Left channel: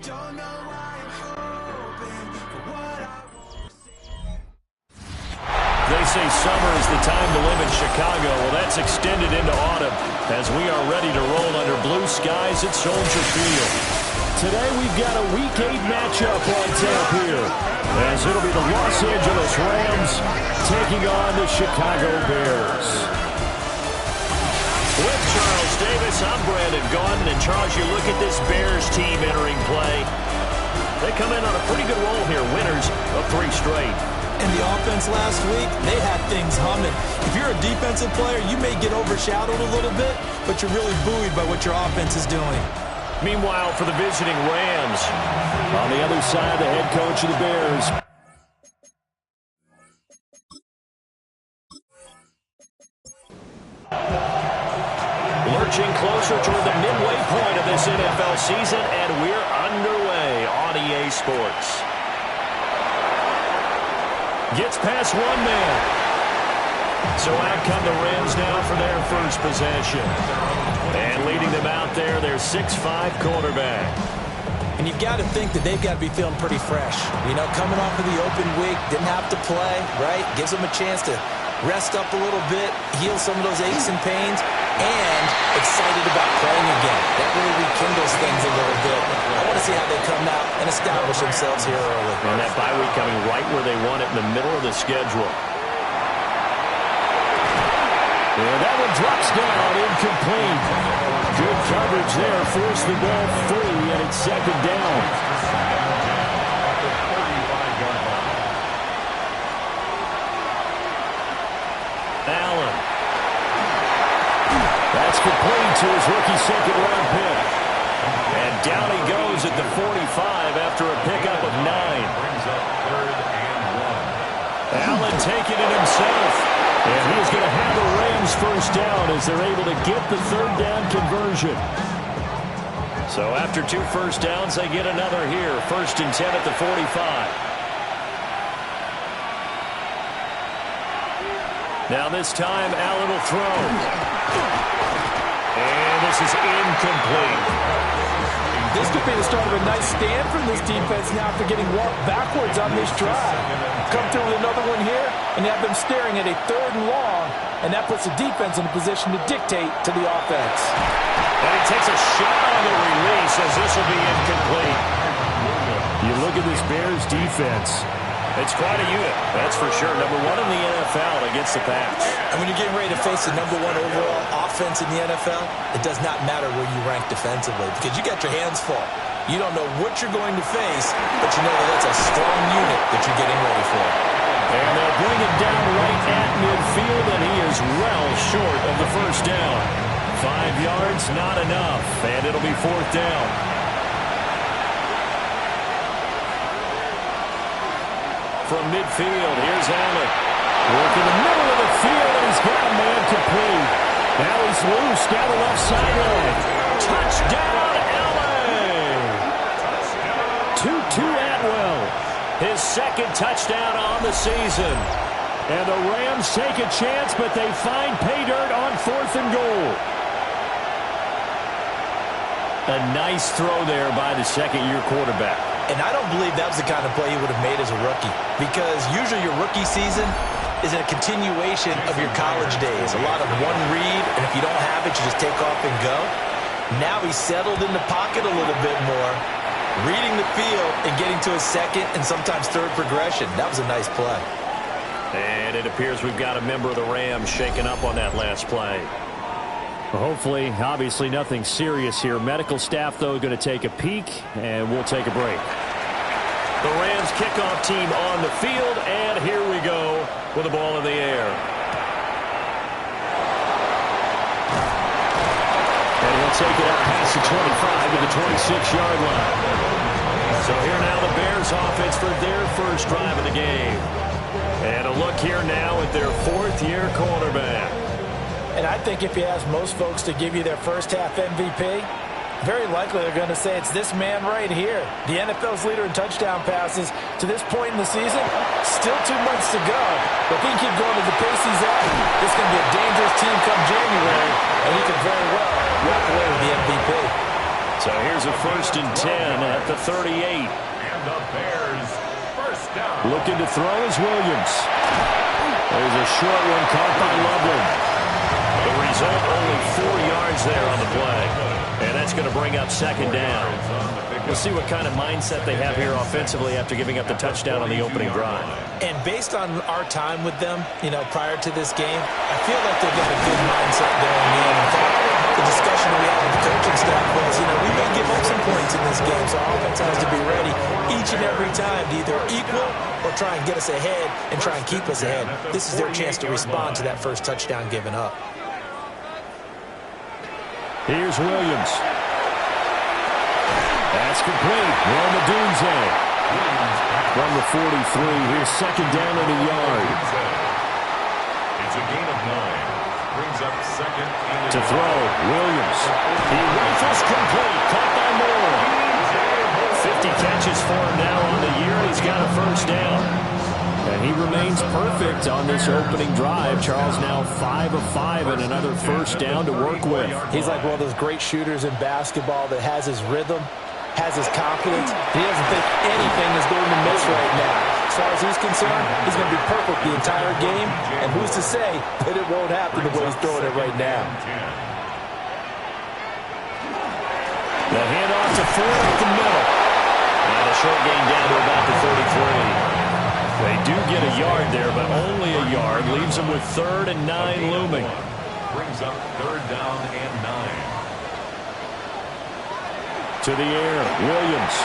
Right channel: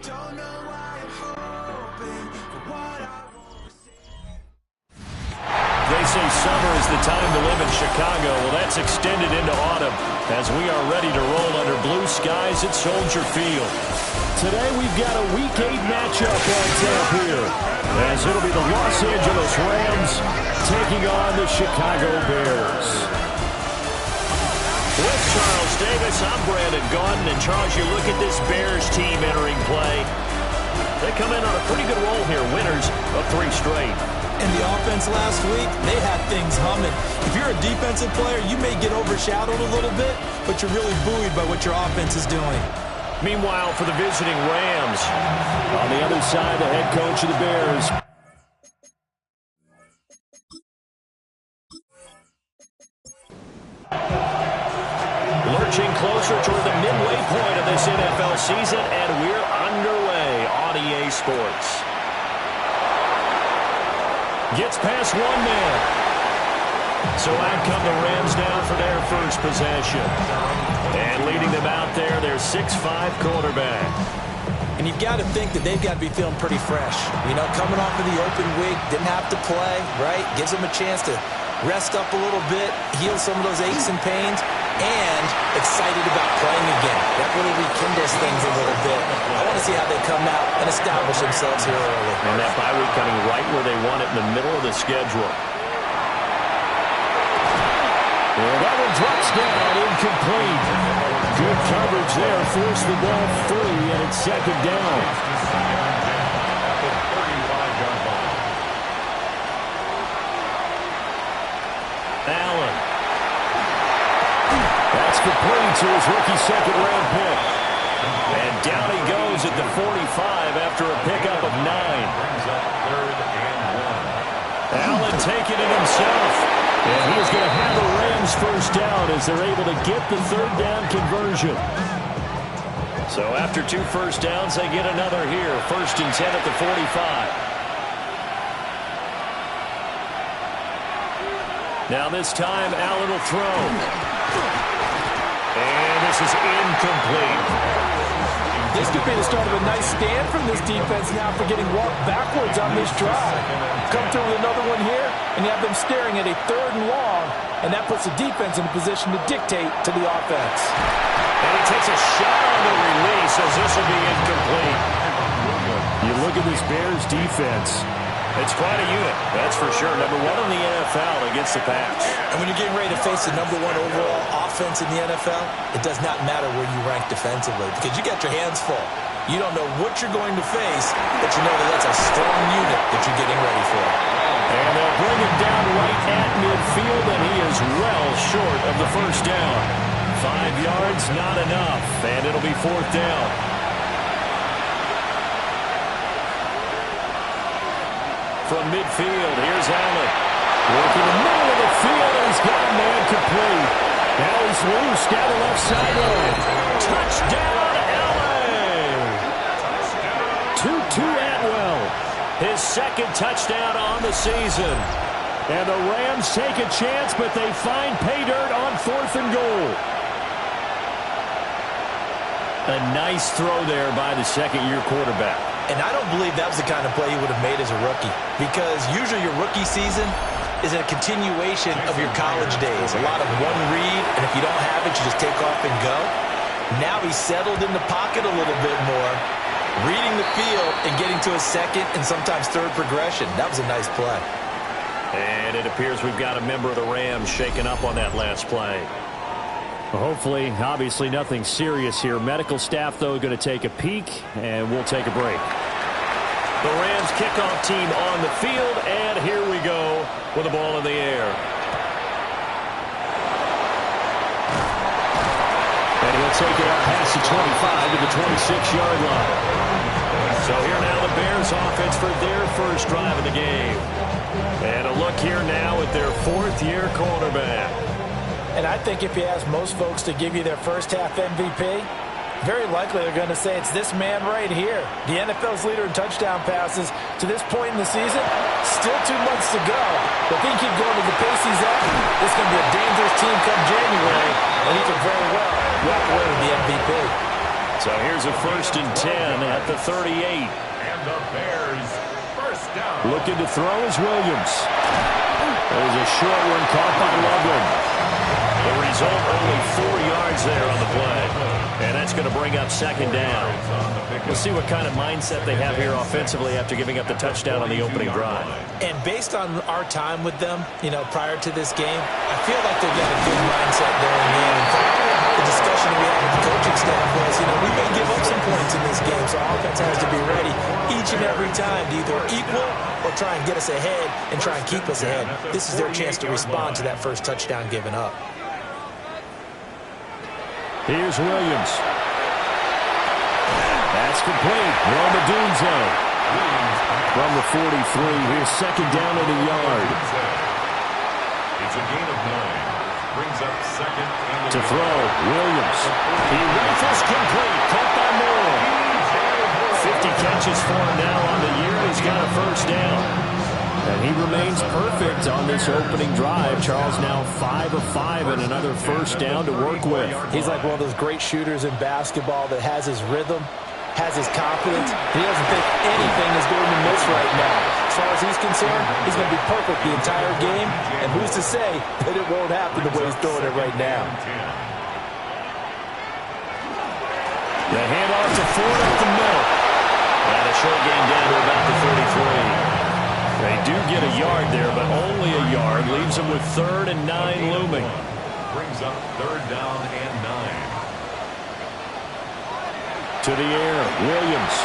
Don't know why I'm hoping for what I won't see. They say summer is the time to live in Chicago. Well, that's extended into autumn as we are ready to roll under blue skies at Soldier Field. Today we've got a Week 8 matchup on tap here, as it'll be the Los Angeles Rams taking on the Chicago Bears. With Charles Davis, I'm Brandon Gaudin. And Charles, you look at this Bears team entering play. They come in on a pretty good roll here, winners of 3 straight. And the offense last week, they had things humming. If you're a defensive player, you may get overshadowed a little bit, but you're really buoyed by what your offense is doing. Meanwhile, for the visiting Rams, on the other side, the head coach of the Bears. Lurching closer toward the midway point of this NFL season, and we're underway on EA Sports. Gets past one man. So out come the Rams now for their first possession. And leading them out there, their 6'5" quarterback. And you've got to think that they've got to be feeling pretty fresh. You know, coming off of the open week, didn't have to play, right? Gives them a chance to rest up a little bit, heal some of those aches and pains, and excited about playing again. That really rekindles things a little bit. I want to see how they come out and establish themselves here early. And that bye week coming right where they want it, in the middle of the schedule. And that one drops down, incomplete. Good coverage there, forced the ball free, and it's second down. Allen. That's complete to his rookie second-round pick. And down he goes at the 45 after a pickup of 9. Brings up 3rd and 1. Allen taking it himself. And he is going to have the Rams first down as they're able to get the 3rd down conversion. So after 2 first downs, they get another here. 1st and 10 at the 45. Now this time, Allen will throw. And this is incomplete. This could be the start of a nice stand from this defense now for getting walked backwards on this drive. Come through with another one here, and you have them staring at a 3rd and long, and that puts the defense in a position to dictate to the offense. And he takes a shot on the release as this will be incomplete. You look at this Bears defense. It's quite a unit, that's for sure. Number 1 in the NFL against the pass. And when you're getting ready to face the number 1 overall offense in the NFL, it does not matter where you rank defensively because you got your hands full. You don't know what you're going to face, but you know that that's a strong unit that you're getting ready for. And they'll bring him down right at midfield, and he is well short of the first down. 5 yards, not enough, and it'll be 4th down. From midfield, here's Allen. Working the middle of the field, and he's got a man complete. Now he's loose down the left sideline. Touchdown, LA! Tutu Atwell, his 2nd touchdown on the season. And the Rams take a chance, but they find pay dirt on 4th and goal. A nice throw there by the second-year quarterback. And I don't believe that was the kind of play he would have made as a rookie, because usually your rookie season is a continuation of your college days. A lot of one read, and if you don't have it, you just take off and go. Now he's settled in the pocket a little bit more, reading the field and getting to a 2nd and sometimes 3rd progression. That was a nice play. And it appears we've got a member of the Rams shaken up on that last play. Hopefully, obviously nothing serious here. Medical staff, though, going to take a peek, and we'll take a break. The Rams kickoff team on the field, and here we go with the ball in the air. And he'll take it up past the 25 to the 26-yard line. So here now the Bears offense for their first drive of the game. And a look here now at their 4th-year quarterback. And I think if you ask most folks to give you their first half MVP, very likely they're going to say it's this man right here. The NFL's leader in touchdown passes to this point in the season. Still 2 months to go. But if he can keep going to the pace he's at, this is going to be a dangerous team come January, and he could very well walk away with the MVP. So here's a 1st and 10 at the 38. And the Bears first down. Looking to throw is Williams. There's a short one caught by Loveland. The result, only 4 yards there on the play. And that's going to bring up 2nd down. We'll see what kind of mindset they have here offensively after giving up the touchdown on the opening drive. And based on our time with them, prior to this game, I feel like they've got a good mindset going in. In fact, the discussion we had with the coaching staff was, we may give up some points in this game, so our offense has to be ready each and every time to either equal or try and get us ahead and try and keep us ahead. This is their chance to respond to that first touchdown given up. Here's Williams. That's complete. Rome Odunze. From the 43, here's 2nd down and a yard. It's a gain of 9. Brings up 2nd and a To throw, Williams. He rifles complete. Caught by Moore. 50 catches for him now on the year. He's got a 1st down. And he remains perfect on this opening drive. Charles now 5 of 5 and another 1st down to work with. He's like one of those great shooters in basketball that has his rhythm, has his confidence. He doesn't think anything is going to miss right now. As far as he's concerned, he's going to be perfect the entire game. And who's to say that it won't happen the way he's throwing it right now? The handoff to Ford up the middle. And a short gain down to about the 33. They do get a yard there, but only a yard. Leaves them with 3rd and 9 looming. Brings up 3rd down and 9. To the air, Williams.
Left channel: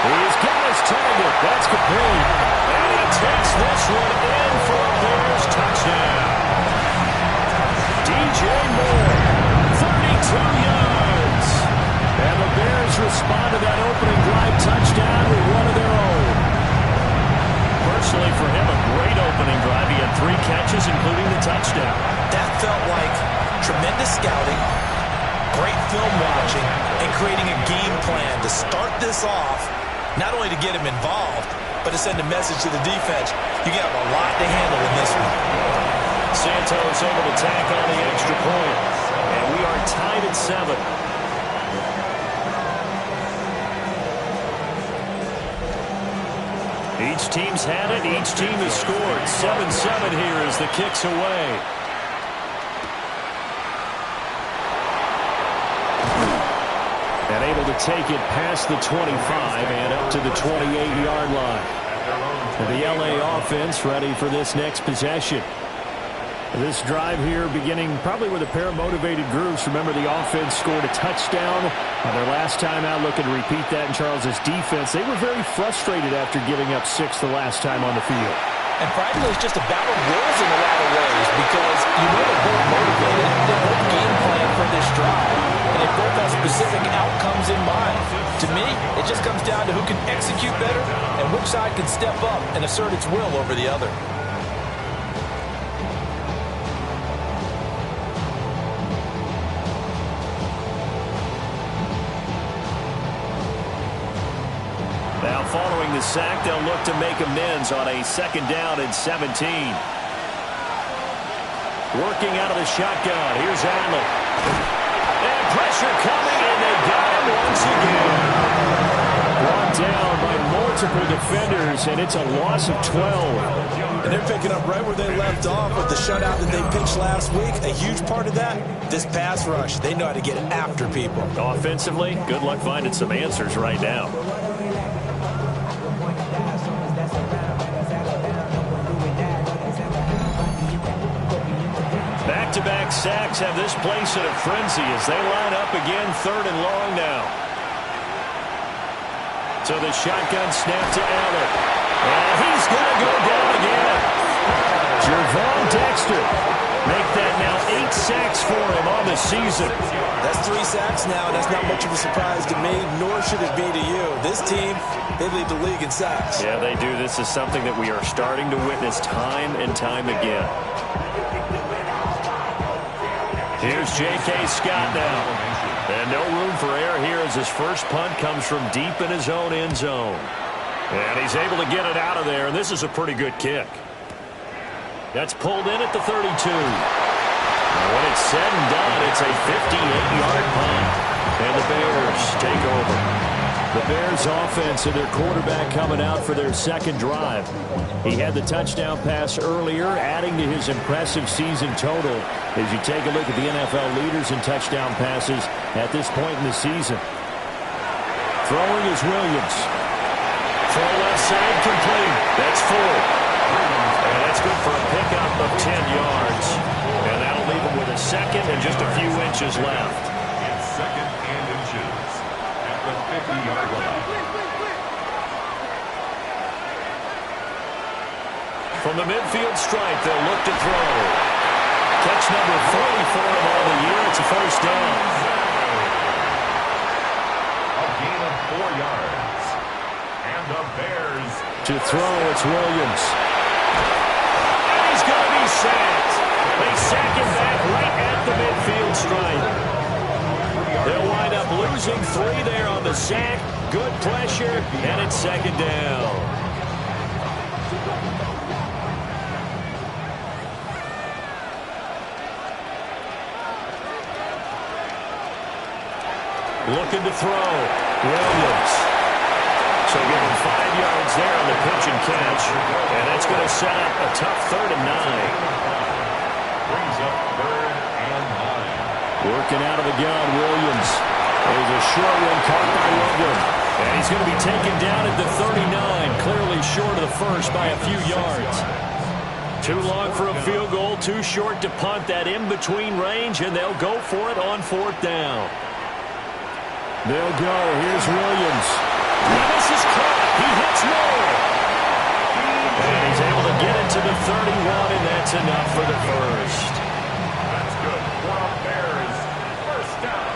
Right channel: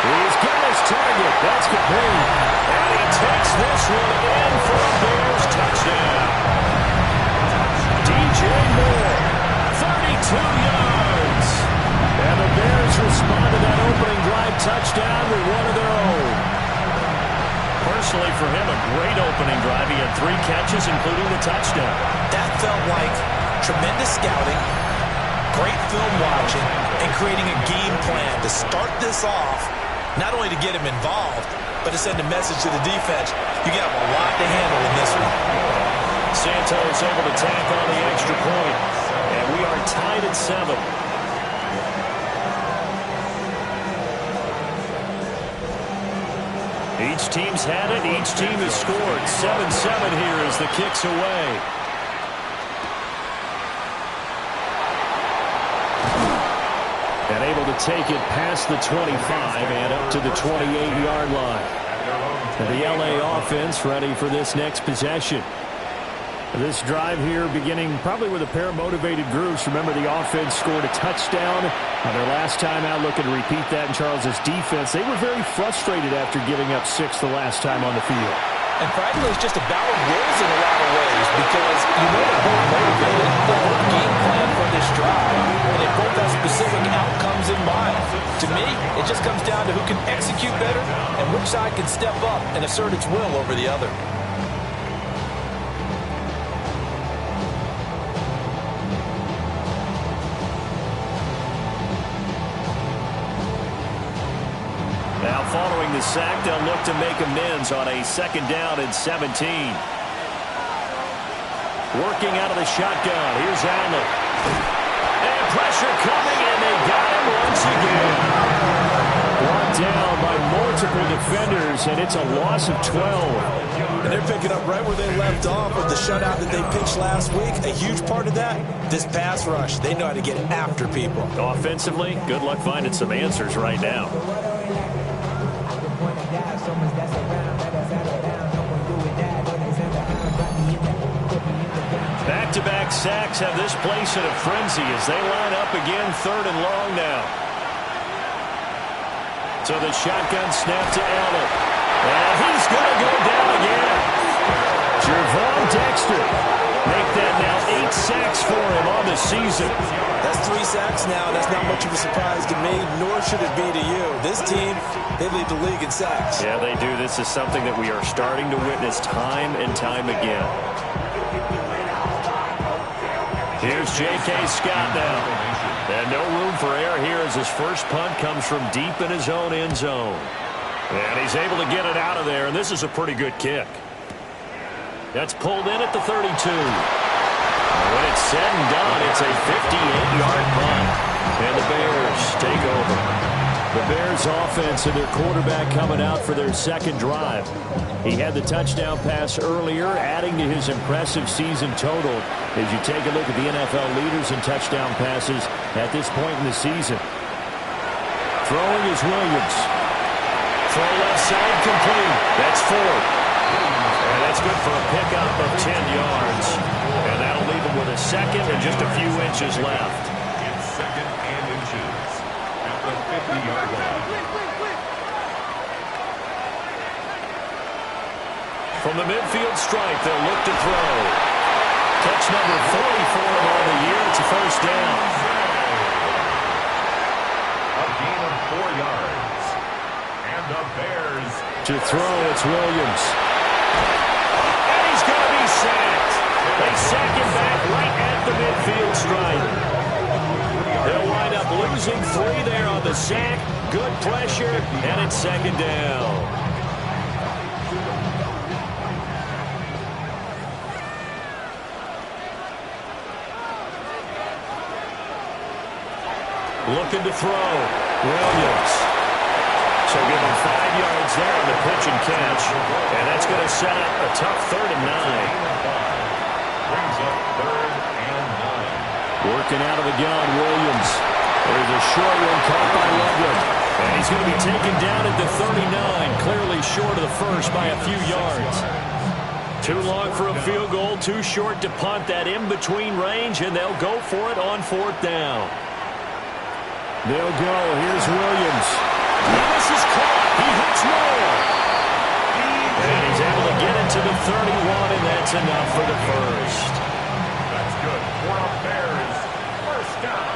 He's got his target. That's complete. And he takes this one in for a Bears touchdown. DJ Moore, 32 yards. And the Bears respond to that opening drive touchdown with one of their own. Personally, for him, a great opening drive. He had 3 catches, including the touchdown. That felt like tremendous scouting, great film watching, and creating a game plan to start this off, not only to get him involved, but to send a message to the defense. You got a lot to handle in this one. Santos able to tack on the extra point. And we are tied at 7. Each team's had it. Each team has scored. 7-7 here as the kick's away. And able to take it past the 25 and up to the 28-yard line. And the LA offense ready for this next possession. This drive here beginning probably with a pair of motivated groups. Remember, the offense scored a touchdown on their last time out, looking to repeat that in Charles's defense. They were very frustrated after giving up 6 the last time on the field. And frankly, it's just a battle of wills in a lot of ways because they're both motivated, they both game plan for this drive, and they both have specific outcomes in mind. To me, it just comes down to who can execute better and which side can step up and assert its will over the other. Now following the sack, they'll look to make amends on a 2nd down and 17. Working out of the shotgun. Here's Allen. And pressure coming, and they got him once again. Brought down by multiple defenders, and it's a loss of 12. And they're picking up right where they left off with the shutout that they pitched last week. A huge part of that, this pass rush. They know how to get after people. Offensively, good luck finding some answers right now. Back-to-back sacks have this place in a frenzy as they line up again 3rd and long now. So the shotgun snap to Allen. And he's going to go down again. Gervon Dexter. Make that now 8 sacks for him on the season. That's 3 sacks now, and that's not much of a surprise to me, nor should it be to you. This team, they lead the league in sacks. Yeah, they do. This is something that we are starting to witness time and time again. Here's J.K. Scott now. And no room for error here as his first punt comes from deep in his own end zone. And he's able to get it out of there, and this is a pretty good kick. That's pulled in at the 32. And when it's said and done, it's a 58-yard punt. And the Bears take over. The Bears offense and their quarterback coming out for their second drive. He had the touchdown pass earlier, adding to his impressive season total as you take a look at the NFL leaders in touchdown passes at this point in the season. Throwing is Williams. Throw left side complete. That's Ford. And that's good for a pickup of 10 yards. And that'll leave him with a second and just a few inches left. It's second and inches at the 50-yard line. From the midfield stripe, they'll look to throw. Catch number 40 for him on the year. It's a first down. A gain of 4 yards. And the Bears. To throw, it's Williams. And he's going to be sacked. They sack him back right at the midfield stripe. They'll wind up losing 3 there on the sack. Good pressure, and it's second down. Looking to throw. Williams. So give him 5 yards there on the pitch and catch. And that's going to set up a tough 3rd and 9. Brings up 3rd and 9. Working out of the gun, Williams. There's a short one caught by Loveland. And he's going to be taken down at the 39, clearly short of the first by a few yards. Too long for a field goal, too short to punt that in-between range, and they'll go for it on 4th down. They'll go. Here's Williams. Now this is caught. He hits more. And he's able to get it to the 31, and that's enough for the first. That's good for a Bears first down.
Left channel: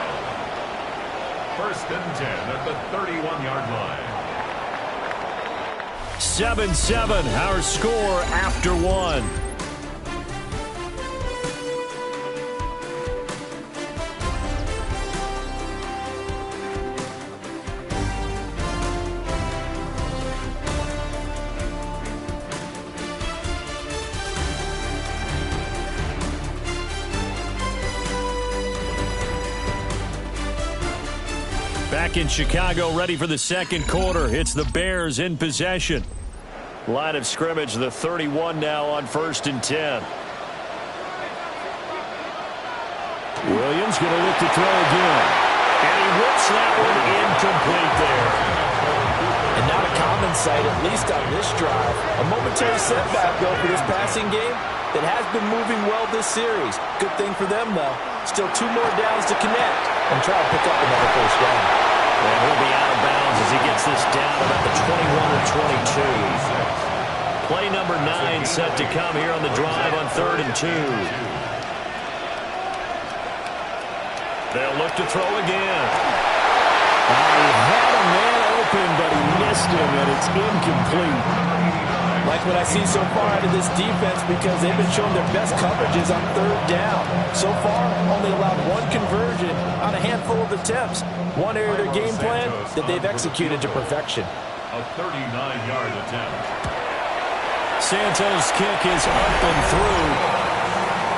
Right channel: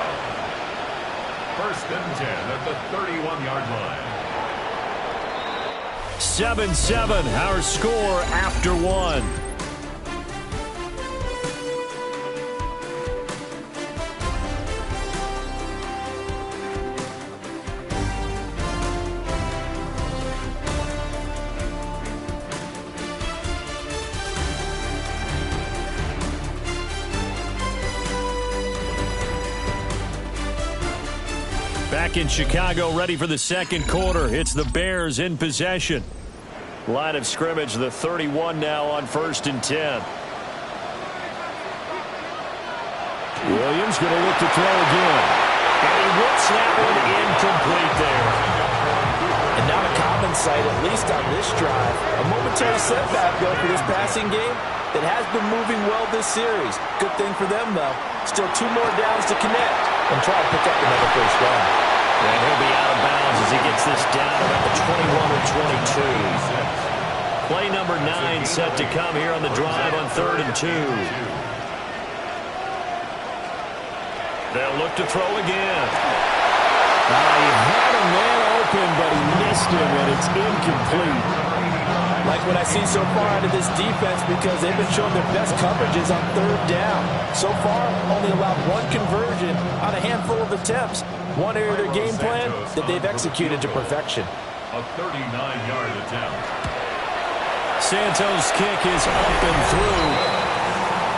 1st and 10 at the 31-yard line. 7-7, our score after 1. Back in Chicago, ready for the second quarter. It's the Bears in possession. Line of scrimmage, the 31 now on 1st and 10. Williams going to look to throw again. And he whips that one incomplete there. And not a common sight, at least on this drive. A momentary setback, though, for this passing game that has been moving well this series. Good thing for them, though. Still 2 more downs to connect and try to pick up another first down. And he'll be out of bounds as he gets this down about the 21 or 22. Play number 9 set to come here on the drive on 3rd and 2. They'll look to throw again. He had a man open, but he missed him, and it's incomplete. Like what I see so far out of this defense, because they've been showing their best coverages on 3rd down. So far, only allowed 1 conversion on a handful of attempts. One area of their game plan that they've executed to perfection. A 39-yard attempt. Santos' kick is up and through.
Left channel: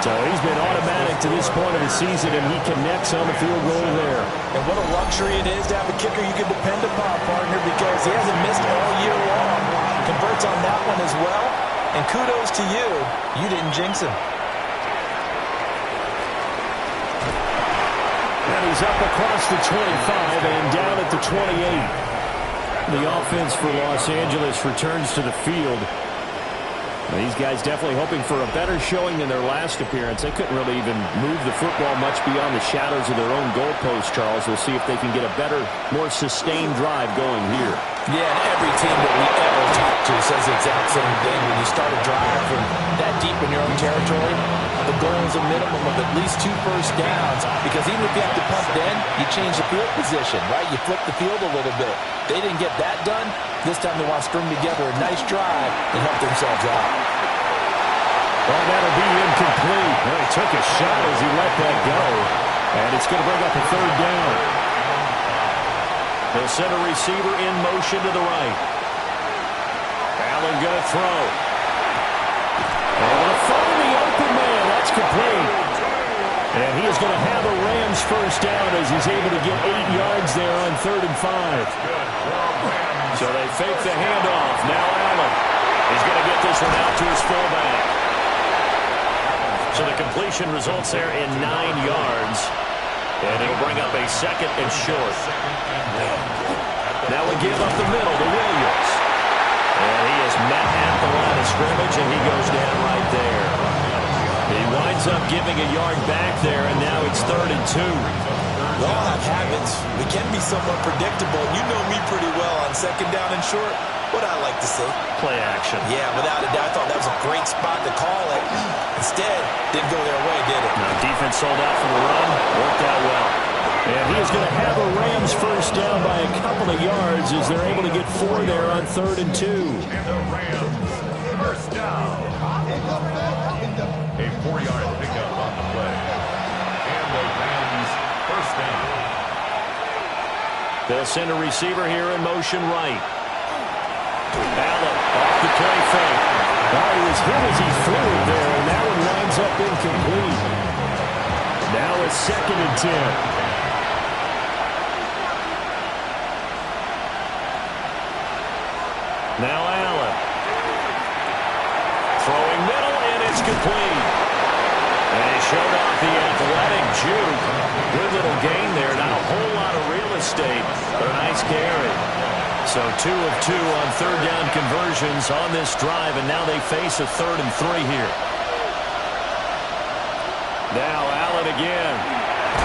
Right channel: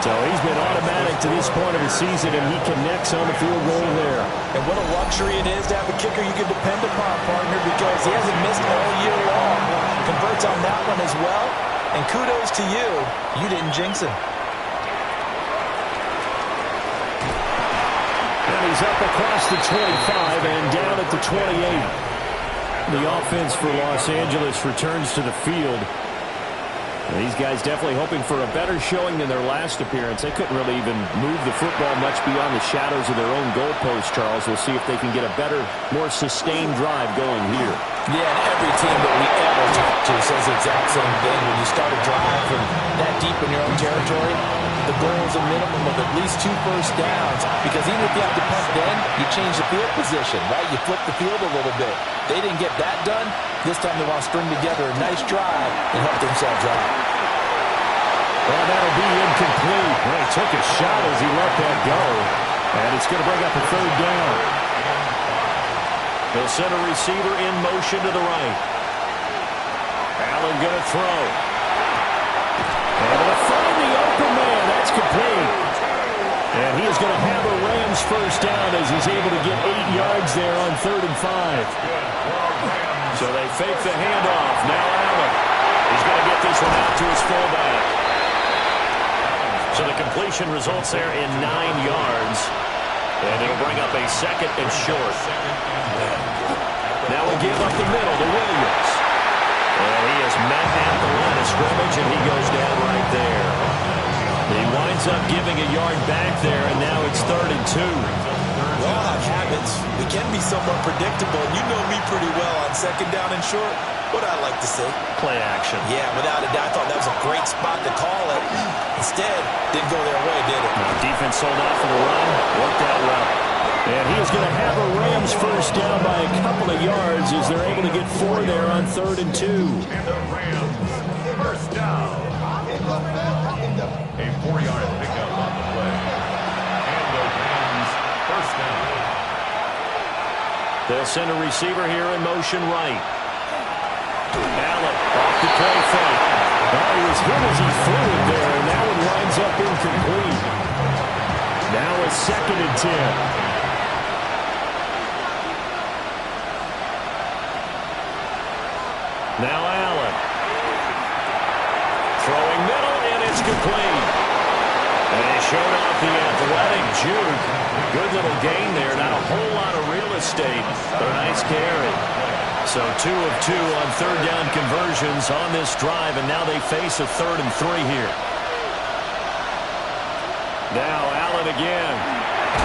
So he's been automatic to this point of the season, and he connects on the field goal there. And what a luxury it is to have a kicker you can depend upon, partner, because he hasn't missed all year long. Converts on that one as well. And kudos to you. You didn't jinx him. And he's up across the 25 and down at the 28. The offense for Los Angeles returns to the field. These guys definitely hoping for a better showing than their last appearance. They couldn't really even move the football much beyond the shadows of their own goalpost, Charles. We'll see if they can get a better, more sustained drive going here. Yeah, and every team that we ever talk to says the exact same thing. When you start a drive from that deep in your own territory, the goal is a minimum of at least 2 first downs, because even if you have to punt then, you change the field position, right? You flip the field a little bit. They didn't get that done. This time they want to string together a nice drive and help themselves out. Well, that'll be incomplete. Well, he took a shot as he let that go. And it's going to bring up a 3rd down. They'll send a receiver in motion to the right. Allen going to throw. Able to find the open man. That's complete. And he is going to have a Rams first down as he's able to get 8 yards there on 3rd and 5. So they fake the handoff. Now Allen. He's going to get this one out to his fullback. So the completion results there in 9 yards. And it'll bring up a 2nd and short. Now we give up the middle to Williams. And he is met at the line of scrimmage, and he goes down right there. He winds up giving a yard back there, and now it's 3rd and 2. We all have habits. We can be somewhat predictable. You know me pretty well on 2nd down and short. What I like to say? Play action. Yeah, without a doubt. I thought that was a great spot to call it. Instead, didn't go their way, did it? Now defense sold out for the run. Worked out well. And he is going to have a Rams first down by a couple of yards as they're able to get 4 there on 3rd and 2. And the Rams first down. A 4-yard pickup on the play. And the Rams first down. They'll send a receiver here in motion right. Allen off the play fake. Oh, he was hit as he threw it there, and that one winds up incomplete. Now a 2nd and 10. Now Allen. Throwing middle, and it's complete. And he showed off the athletic juke. Good little gain there. Not a whole lot of real estate, but a nice carry. So 2 of 2 on 3rd down conversions on this drive, and now they face a 3rd and 3 here. Now Allen again.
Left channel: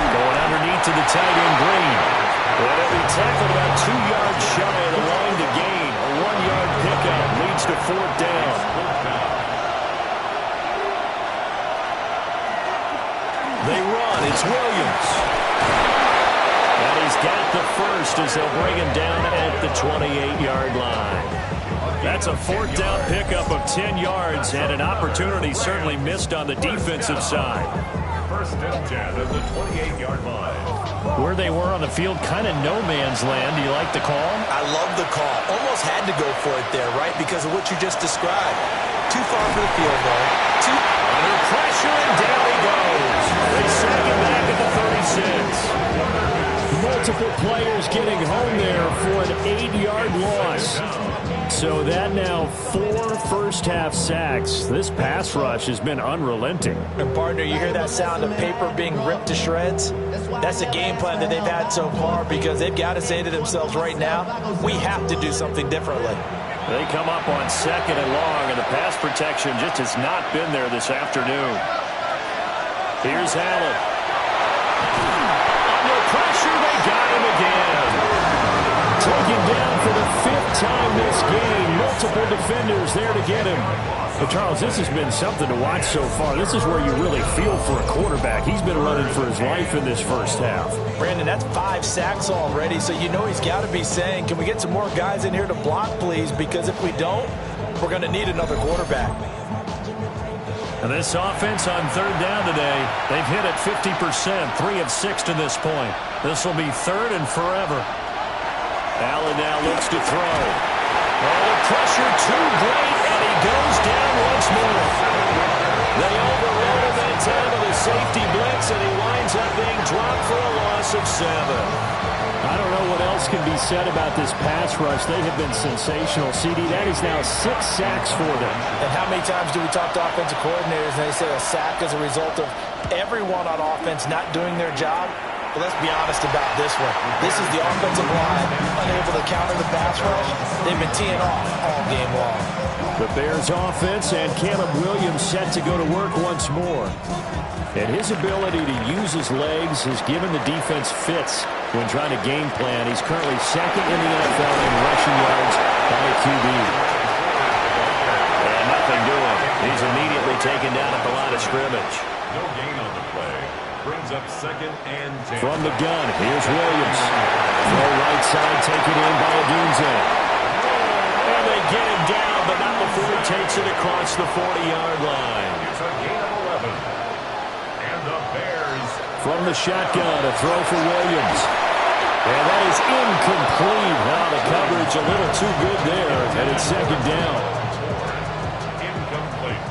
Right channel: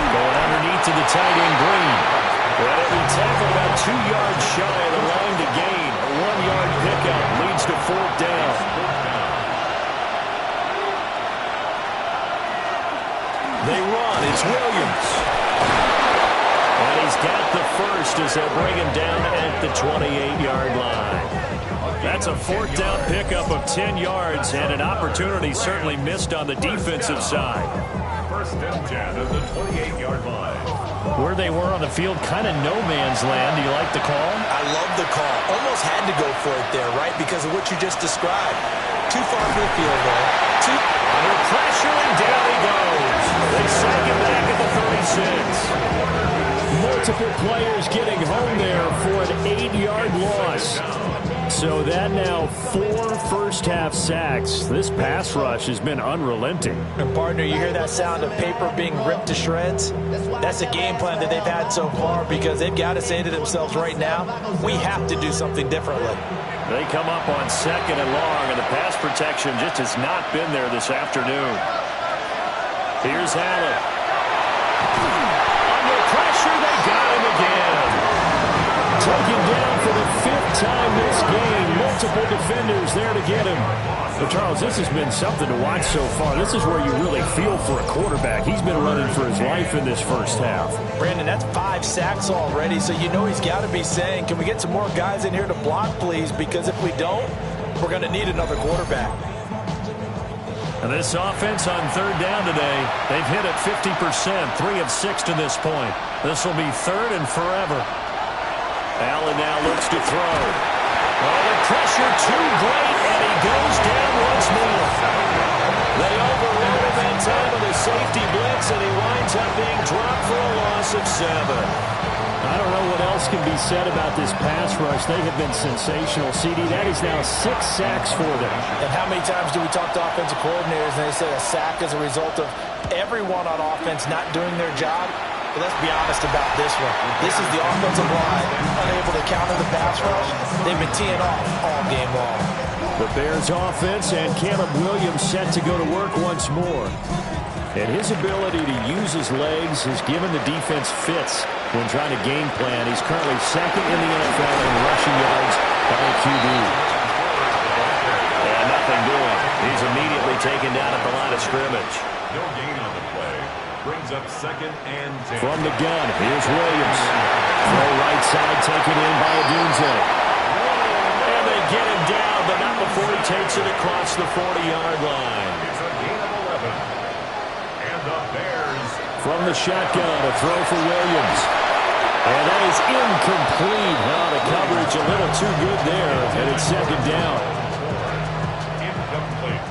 Going underneath to the tight end Green. But he'll be tackled about 2 yards shy of the line to gain. A 1-yard pickup leads to 4th down. They run. It's Williams. And he's got the first as they'll bring him down at the 28-yard line. That's a 4th down pickup of 10 yards and an opportunity certainly missed on the defensive side. First and 10 at the 28-yard line. Where they were on the field, kind of no man's land. Do you like the call? I love the call. Almost had to go for it there, right? Because of what you just described. Too far for the field goal. Under pressure, and down he goes. They sack him back at the 36. Multiple players getting home there for an 8-yard loss. So that now 4 first-half sacks. This pass rush has been unrelenting. And, partner, you hear that sound of paper being ripped to shreds? That's the game plan that they've had so far because they've got to say to themselves right now, we have to do something differently. They come up on 2nd and long, and the pass protection just has not been there this afternoon. Here's Allen. Under pressure, they got him again. Taken down for the 5th time this game. Multiple defenders there to get him. But, Charles, this has been something to watch so far. This is where you really feel for a quarterback. He's been running for his life in this first half. Brandon, that's 5 sacks already, so you know he's got to be saying, can we get some more guys in here to block, please? Because if we don't, we're going to need another quarterback. And this offense on 3rd down today, they've hit it 50%, 3 of 6 to this point. This will be 3rd and forever. Allen now looks to throw. Oh, the pressure too great, and he goes down once more. They overrode him that time with a safety blitz, and he winds up being dropped for a loss of 7. I don't know what else can be said about this pass rush. They have been sensational. CD, that is now 6 sacks for them. And how many times do we talk to offensive coordinators and they say a sack is a result of everyone on offense not doing their job? But let's be honest about this one. This is the offensive line unable to counter the pass rush. They've been teeing off all game long. The Bears offense and Caleb Williams set to go to work once more. And his ability to use his legs has given the defense fits when trying to game plan. He's currently 2nd in the NFL in rushing yards by a QB. And nothing doing. He's immediately taken down at the line of scrimmage. No gain on the play. Brings up 2nd and 10. From the gun, here's Williams. Throw right side taken in by Adunze. And they get him down, but not before he takes it across the 40-yard line. It's a gain of 11. And the Bears. From the shotgun, a throw for Williams. And that is incomplete. Now the coverage a little too good there, and it's 2nd down. Incomplete.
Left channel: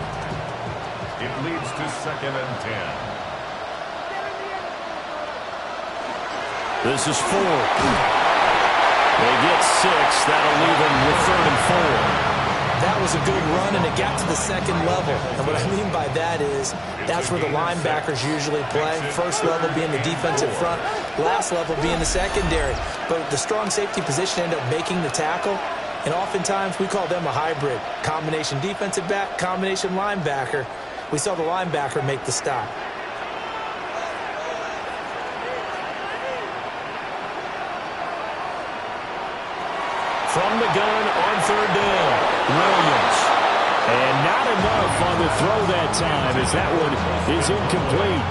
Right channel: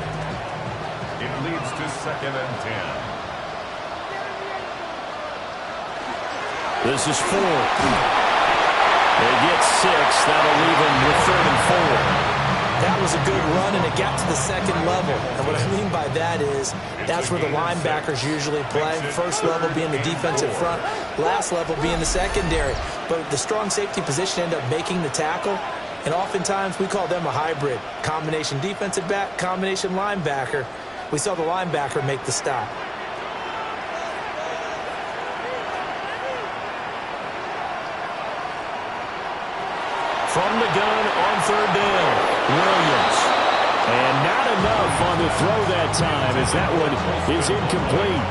It leads to 2nd and 10. This is 4th. They get 6. That'll leave them with 3rd and 4. That was a good run, and it got to the second level. And what I mean by that is that's where the linebackers usually play. First level being the defensive front, last level being the secondary. But the strong safety position ended up making the tackle, and oftentimes we call them a hybrid. Combination defensive back, combination linebacker. We saw the linebacker make the stop. From the gun on 3rd down, Williams. And not enough on the throw that time as that one is incomplete.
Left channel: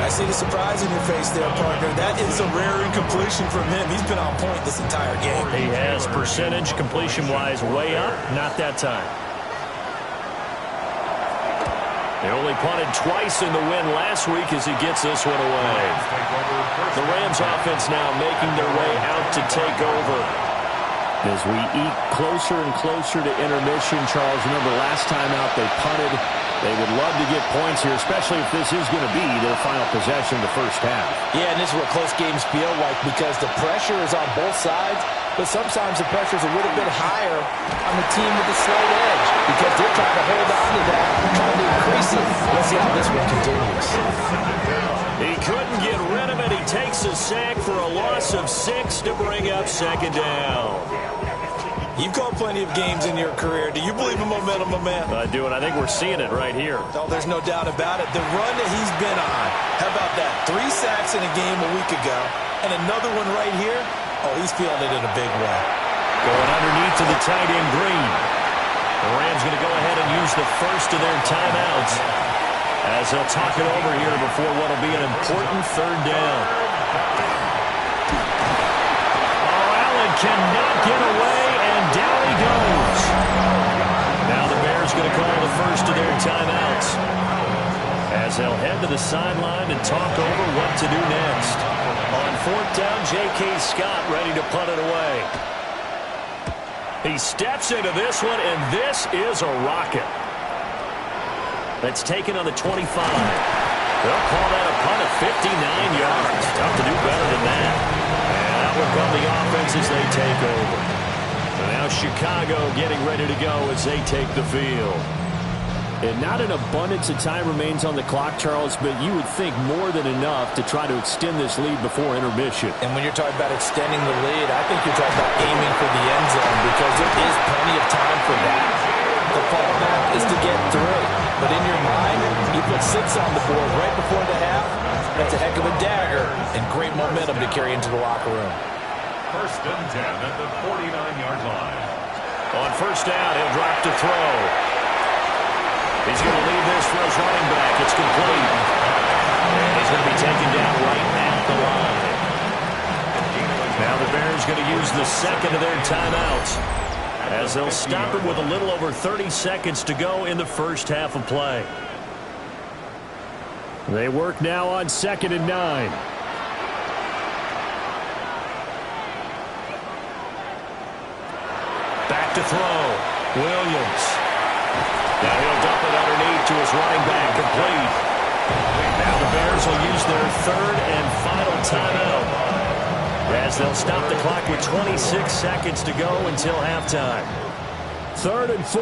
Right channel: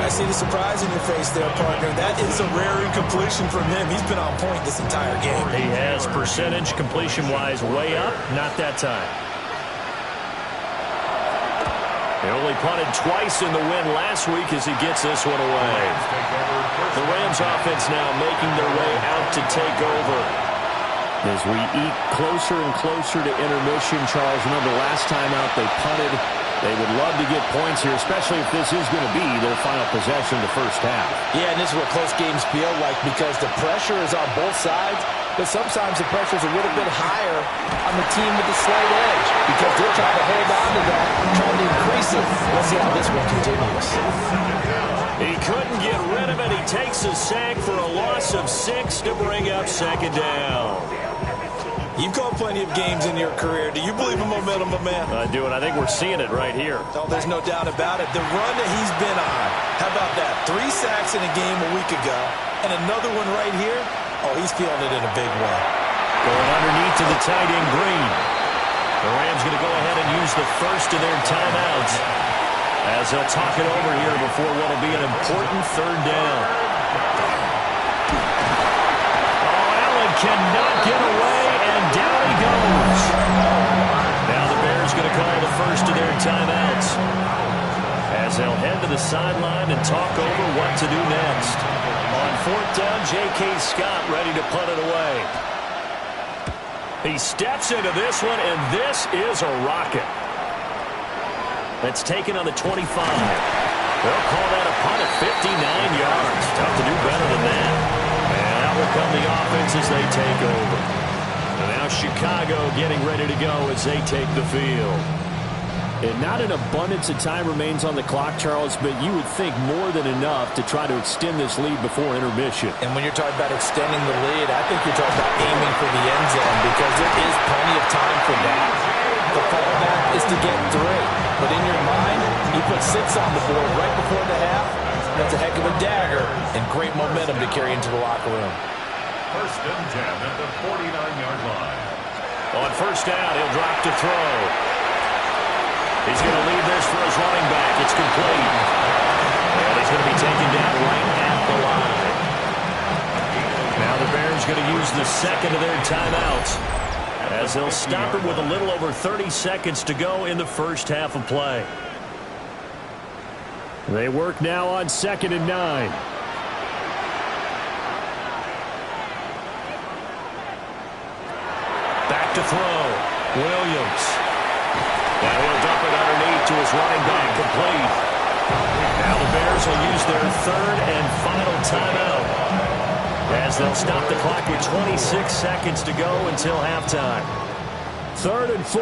I see the surprise in your face there, partner. That is a rare incompletion from him. He's been on point this entire game. He has percentage completion-wise way up, not that time. They only punted twice in the win last week as he gets this one away. The Rams offense now making their way out to take over. As we eat closer and closer to intermission, Charles, remember last time out they punted. They would love to get points here, especially if this is going to be their final possession of the first half. Yeah, and this is what close games feel like because the pressure is on both sides, but sometimes the pressure is a little bit higher on the team with the slight edge because they're trying to hold on to that, trying to increase it. Let's see how this one continues. He couldn't get rid of it. He takes a sack for a loss of 6 to bring up 2nd down. You've called plenty of games in your career. Do you believe in momentum, my man? I do, and I think we're seeing it right here. Oh, there's no doubt about it. The run that he's been on, how about that? 3 sacks in a game a week ago, and another one right here. Oh, he's feeling it in a big way. Going underneath to the tight end, Green. The Rams going to go ahead and use the first of their timeouts as they'll talk it over here before what will be an important 3rd down. Oh, Allen cannot get away. And down he goes. Now the Bears going to call the first of their timeouts as they'll head to the sideline and talk over what to do next. On 4th down, J.K. Scott ready to punt it away. He steps into this one, and this is a rocket. That's taken on the 25. They'll call that a punt of 59 yards. Tough to do better than that. And out will come the offense as they take over. And now Chicago getting ready to go as they take the field. And not an abundance of time remains on the clock, Charles, but you would think more than enough to try to extend this lead before intermission. And when you're talking about extending the lead, I think you're talking about aiming for the end zone because there is plenty of time for that. The fallback is to get 3. But in your mind, you put 6 on the board right before the half. That's a heck of a dagger and great momentum to carry into the locker room. 1st and 10 at the 49-yard line. On 1st down, he'll drop to throw. He's going to leave this for his running back. It's complete. And he's going to be taken down right at the line. Now the Bears going to use the 2nd of their timeouts as they'll stop it with a little over 30 seconds to go in the first half of play. They work now on 2nd and 9. Back to throw. Williams. Now he'll dump it underneath to his running back, complete. Now the Bears will use their 3rd and final timeout as they'll stop the clock with 26 seconds to go until halftime. 3rd and 4.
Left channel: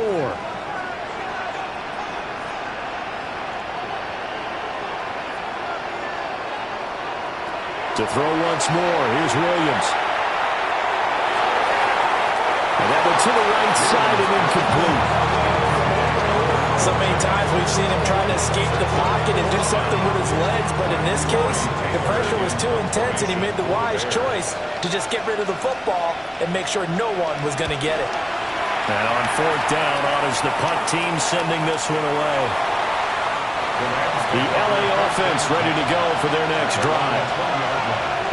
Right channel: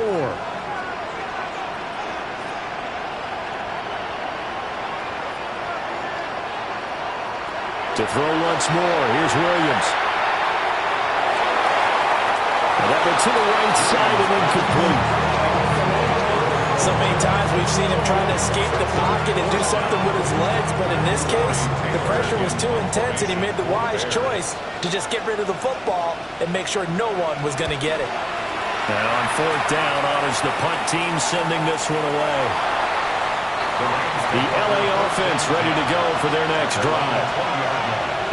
To throw once more, here's Williams. And that one to the right side and incomplete. So many times we've seen him trying to escape the pocket and do something with his legs, but in this case, the pressure was too intense and he made the wise choice to just get rid of the football and make sure no one was going to get it. And on 4th down, honors the punt team sending this one away. The LA offense ready to go for their next drive.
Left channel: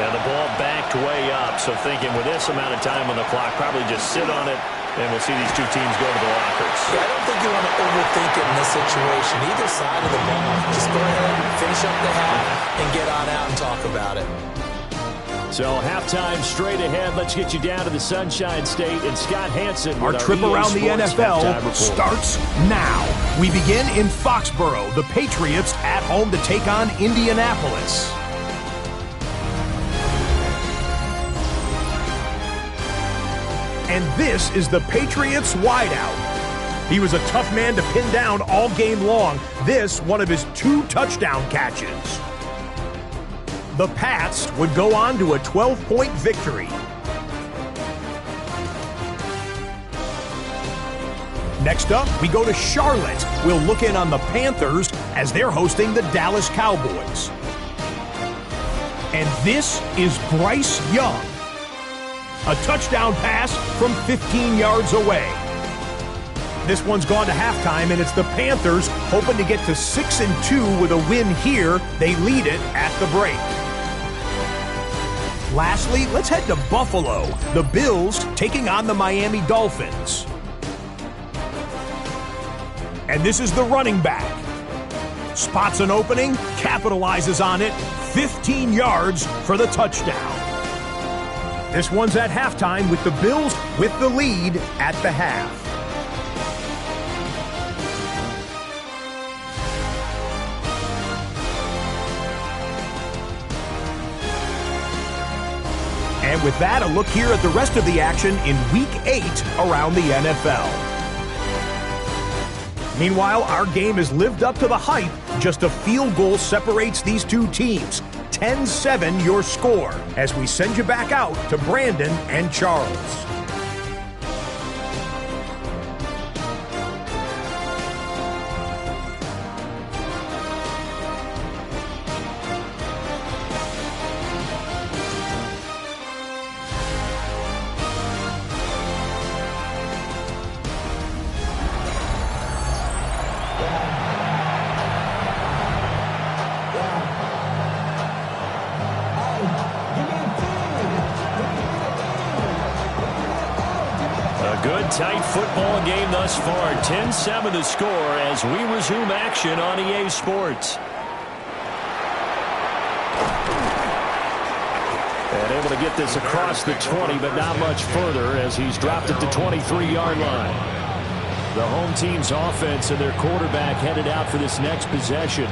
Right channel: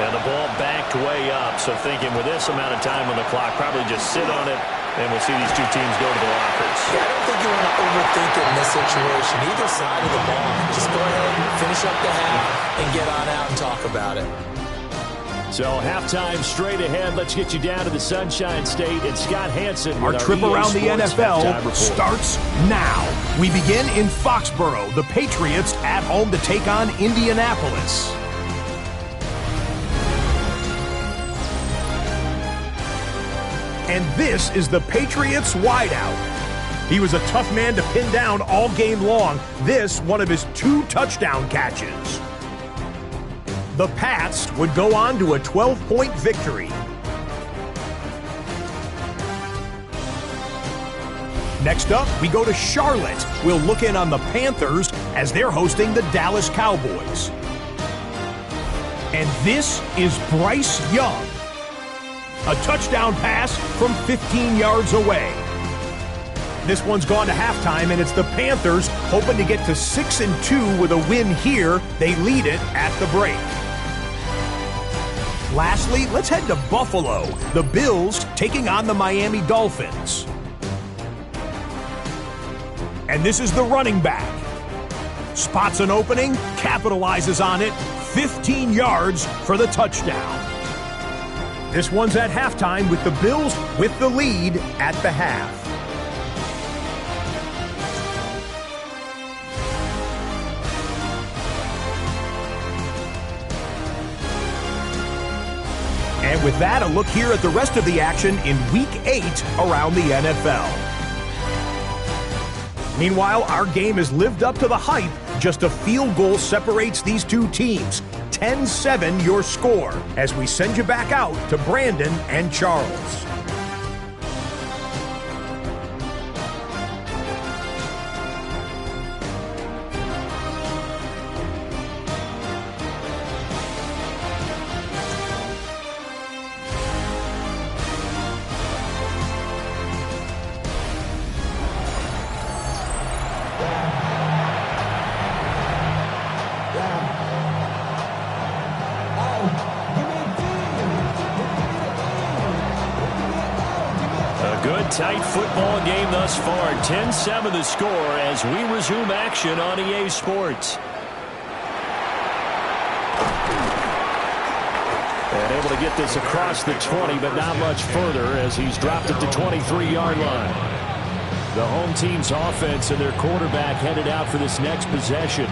And the ball backed way up, so thinking with this amount of time on the clock, probably just sit on it, and we'll see these two teams go to the lockers. Yeah, I don't think you want to overthink it in this situation. Either side of the ball. Just go ahead, finish up the half, and get on out and talk about it. So halftime straight ahead. Let's get you down to the Sunshine State and Scott Hanson. Our trip around the NFL starts now. We begin in Foxborough. The Patriots at home to take on Indianapolis. And this is the Patriots wideout. He was a tough man to pin down all game long. This, one of his 2 touchdown catches. The Pats would go on to a 12-point victory. Next up, we go to Charlotte. We'll look in on the Panthers as they're hosting the Dallas Cowboys. And this is Bryce Young. A touchdown pass from 15 yards away. This one's gone to halftime, and it's the Panthers hoping to get to 6-2 with a win here. They lead it at the break. Lastly, let's head to Buffalo. The Bills taking on the Miami Dolphins. And this is the running back. Spots an opening, capitalizes on it, 15 yards for the touchdown. This one's at halftime with the Bills with the lead at the half. And with that, a look here at the rest of the action in Week 8 around the NFL. Meanwhile, our game has lived up to the hype. Just a field goal separates these two teams. 10-7 your score as we send you back out to Brandon and Charles. Tight football game thus far. 10-7 the score as we resume action on EA Sports. And able to get this across the 20, but not much further as he's dropped it to 23-yard line. The home team's offense and their quarterback headed out for this next possession.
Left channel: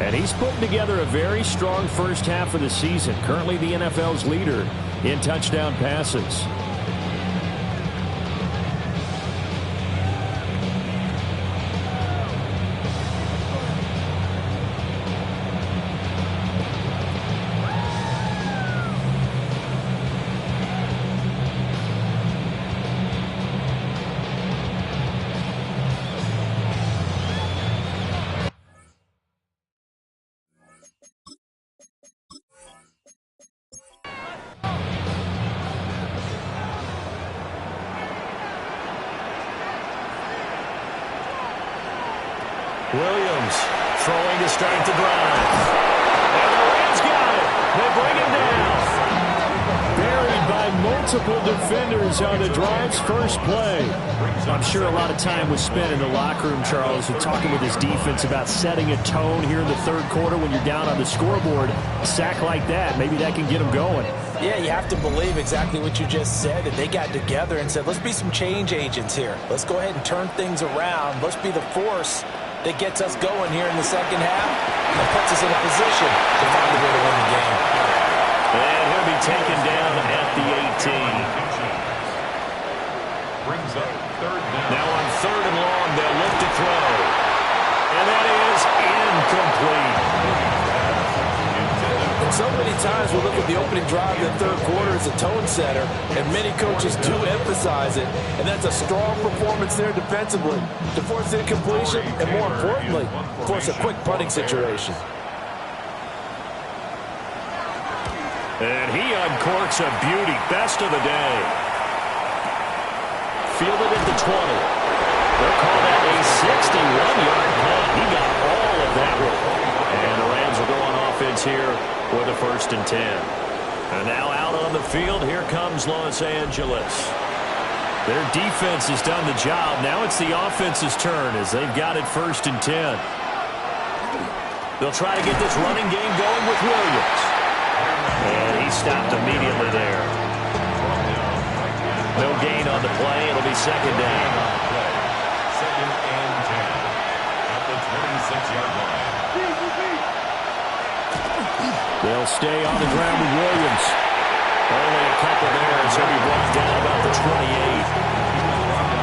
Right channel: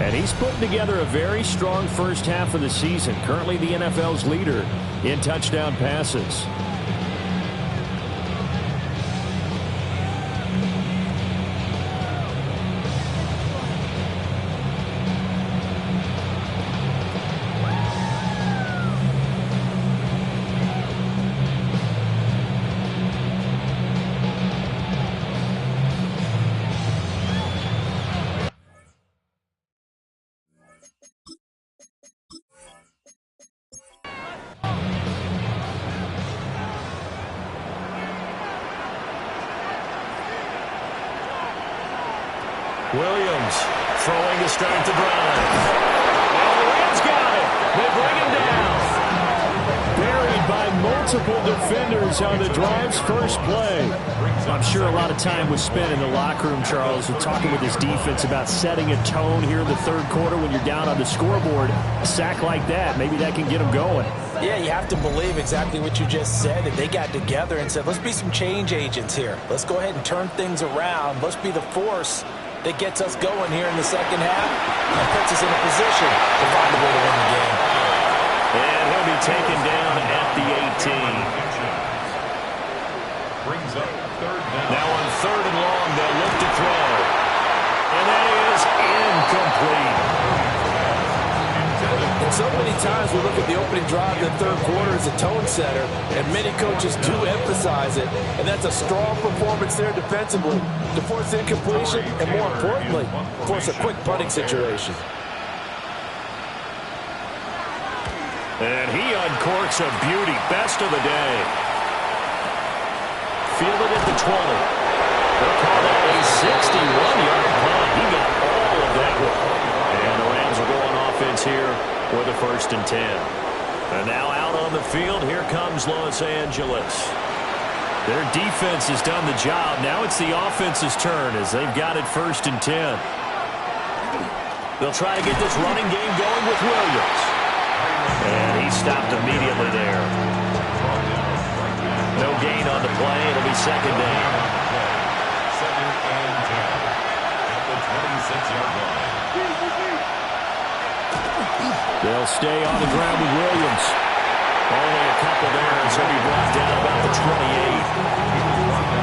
And he's putting together a very strong first half of the season. Currently the NFL's leader in touchdown passes. Williams throwing to start the drive. And the Rams got it. They bring him down. Buried by multiple defenders on the drive's first play. I'm sure a lot of time was spent in the locker room, Charles, and talking with his defense about setting a tone here in the third quarter when you're down on the scoreboard. A sack like that, maybe that can get them going. Yeah, you have to believe exactly what you just said, that they got together and said, let's be some change agents here. Let's go ahead and turn things around. Let's be the force that gets us going here in the second half and puts us in a position to find a way to win the game. And he'll be taken down at the 18. Brings up third down. Now on third and long, they'll look to throw. And that is incomplete. And so many times we look at the opening drive of the third quarter as a tone setter, and many coaches do emphasize it, and that's a strong performance there defensively to force incompletion and, more importantly, force a quick punting situation. And he uncorks a beauty. Best of the day. Fielded at the 20. They'll call that a 61-yard punt. He got all of that one. And the Rams will go on offense here with a 1st and 10. And now out on the field, here comes Los Angeles. Their defense has done the job. Now it's the offense's turn as they've got it 1st and 10. They'll try to get this running game going with Williams. And he stopped immediately there. No gain on the play. It'll be 2nd down. 2nd and 10 at the 26-yard line. They'll stay on the ground with Williams. Only a couple there as he'll be brought down about the 28.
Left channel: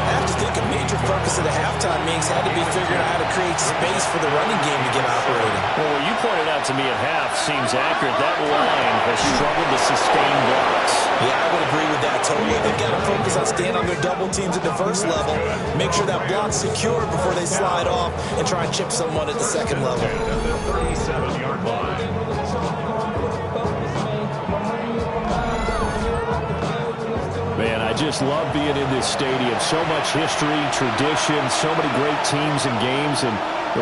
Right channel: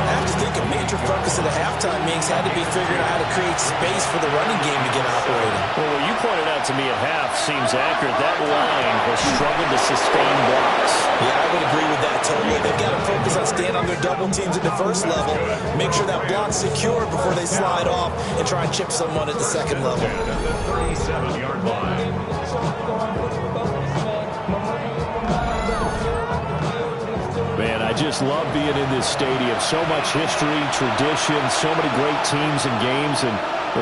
I have to think a major focus of the halftime meetings had to be figuring out how to create space for the running game to get operating. Well, what you pointed out to me at half seems accurate. That line has struggled to sustain blocks. Yeah, I would agree with that totally. They've got to focus on staying on their double teams at the first level, make sure that block's secure before they slide off, and try and chip someone at the second level. At the 37-yard line. Man, I just love being in this stadium. So much history, tradition, so many great teams and games, and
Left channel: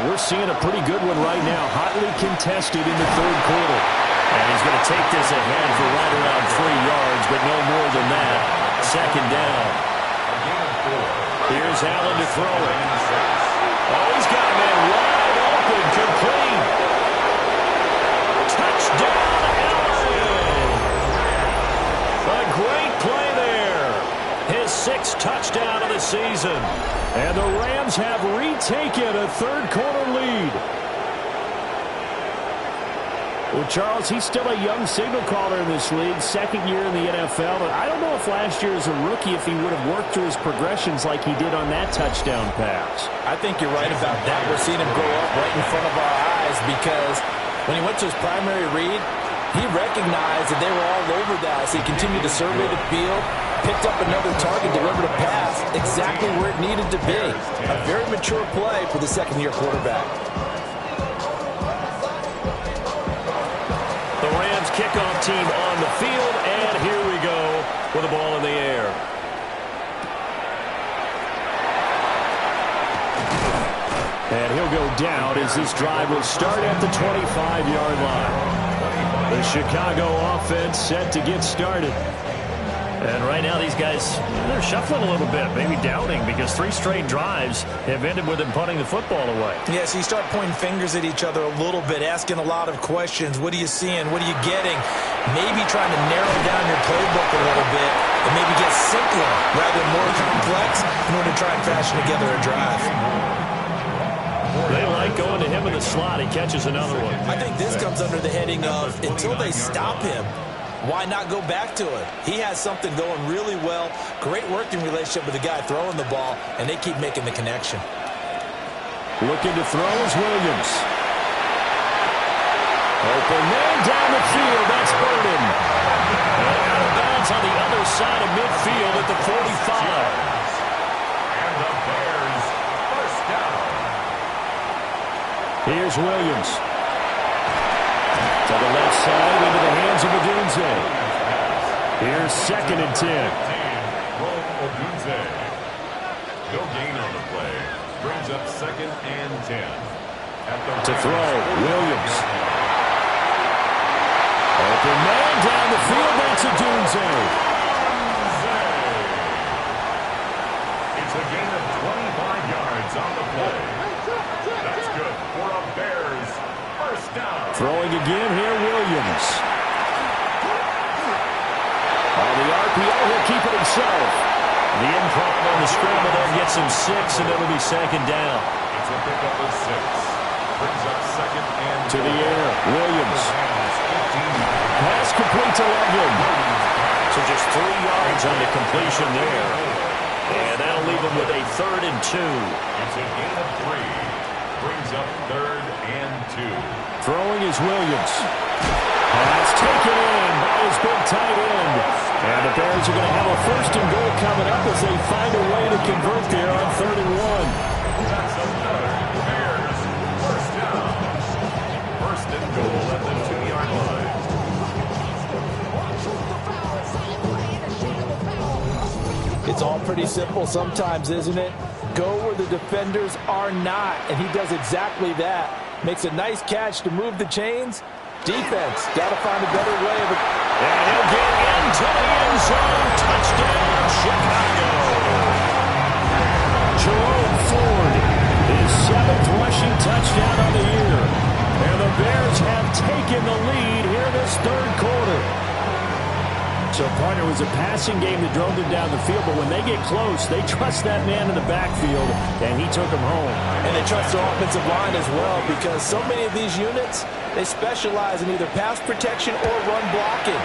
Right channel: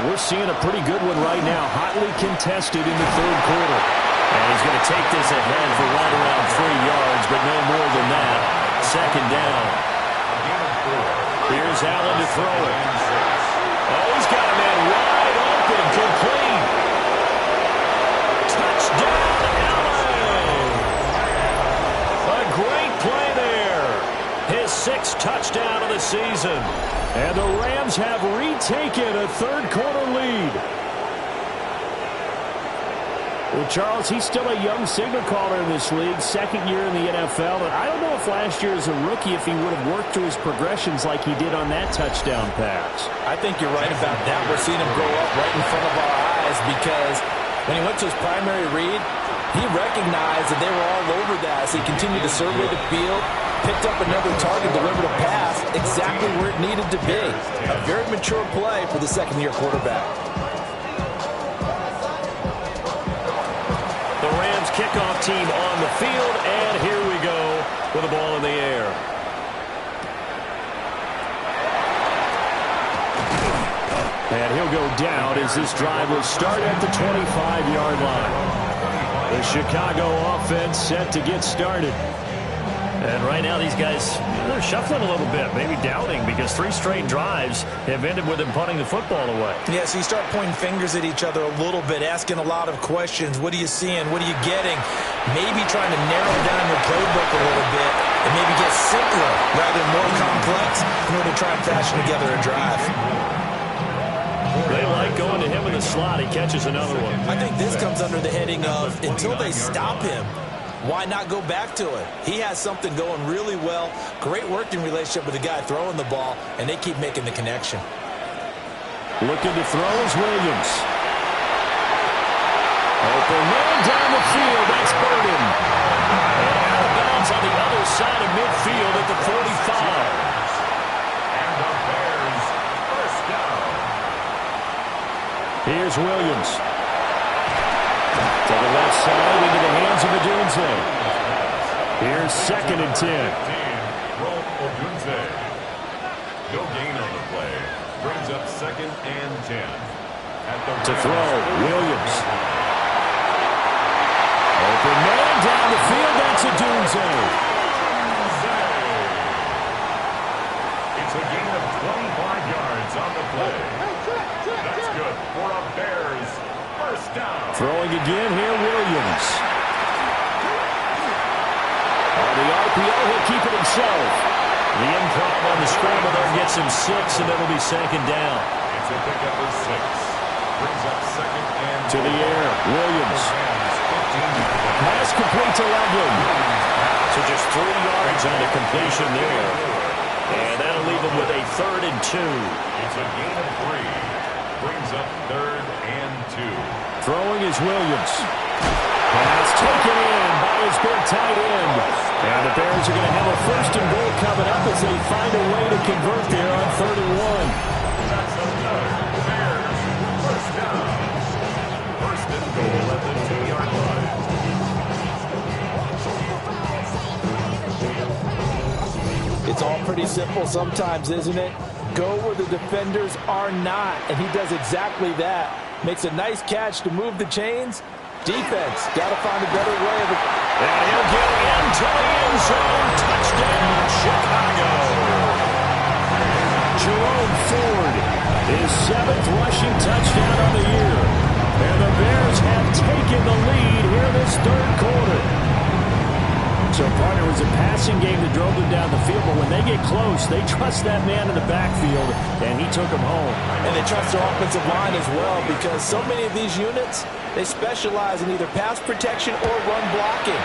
we're seeing a pretty good one right now. Hotly contested in the third quarter. And he's going to take this ahead for right around 3 yards, but no more than that. Second down. Here's Allen to throw it. Oh, he's got a man wide open, complete. Touchdown, Allen! A great play there. His 6th touchdown of the season. And the Rams have retaken a third-quarter lead. Well, Charles, he's still a young signal caller in this league, second year in the NFL. But I don't know if last year as a rookie, if he would have worked through his progressions like he did on that touchdown pass. I think you're right about that. We're seeing him grow up right in front of our eyes because when he went to his primary read, he recognized that they were all over that as he continued to survey the field, picked up another target, delivered a pass exactly where it needed to be. A very mature play for the second-year quarterback. The Rams kickoff team on the field, and here we go with the ball in the air. And he'll go down as this drive will start at the 25-yard line. The Chicago offense set to get started. And right now these guys, they're shuffling a little bit, maybe doubting, because 3 straight drives have ended with them punting the football away. Yeah, so you start pointing fingers at each other a little bit, asking a lot of questions. What are you seeing? What are you getting? Maybe trying to narrow down your playbook a little bit and maybe get simpler rather than more complex in order to try and fashion together a drive. They like going to him in the slot. He catches another one. I think this comes under the heading of until they stop him, why not go back to it? He has something going really well. Great working relationship with the guy throwing the ball, and they keep making the connection. Looking to throw is Williams. Open man down the field. That's Burden. And out of bounds on the other side of midfield at the 45. And the Bears first down. Here's Williams. To the left side into the hands of Odunze. Here's 2nd and 10. Rome Odunze. No gain on the play. Brings up 2nd and 10. To throw, Williams. Open man down the field. That's Odunze. It's a gain of 25 yards on the play. That's good for a Bears first down. Throwing again here, Williams. On the RPO, he'll keep it himself. The improv on the scramble there gets him 6, and it'll be 2nd down. It's a pickup of 6. Brings up 2nd and to the air, Williams. Pass complete to Loveland. So just 3 yards on the completion there. And that'll leave him with a 3rd and 2. It's a gain of 3. Brings up 3rd and 2. Throwing is Williams. Pass taken in by his big tight end. And the Bears are going to have a 1st and goal coming up as they find a way to convert there on 3rd and 1. That's another Bears first down. 1st and goal at the 2-yard line. It's all pretty simple sometimes, isn't it? Go where the defenders are not, and he does exactly that. Makes a nice catch to move the chains. Defense, got to find a better way of it. And he'll get into the end zone. Touchdown, Chicago. Jerome Ford, his 7th rushing touchdown on the year. And the Bears have taken the lead here in this 3rd quarter. So, partner, it was a passing game that drove them down the field, but when they get close, they trust that man in the backfield, and he took them home. And they trust their offensive line as well, because so many of these units, they specialize in either pass protection or run blocking.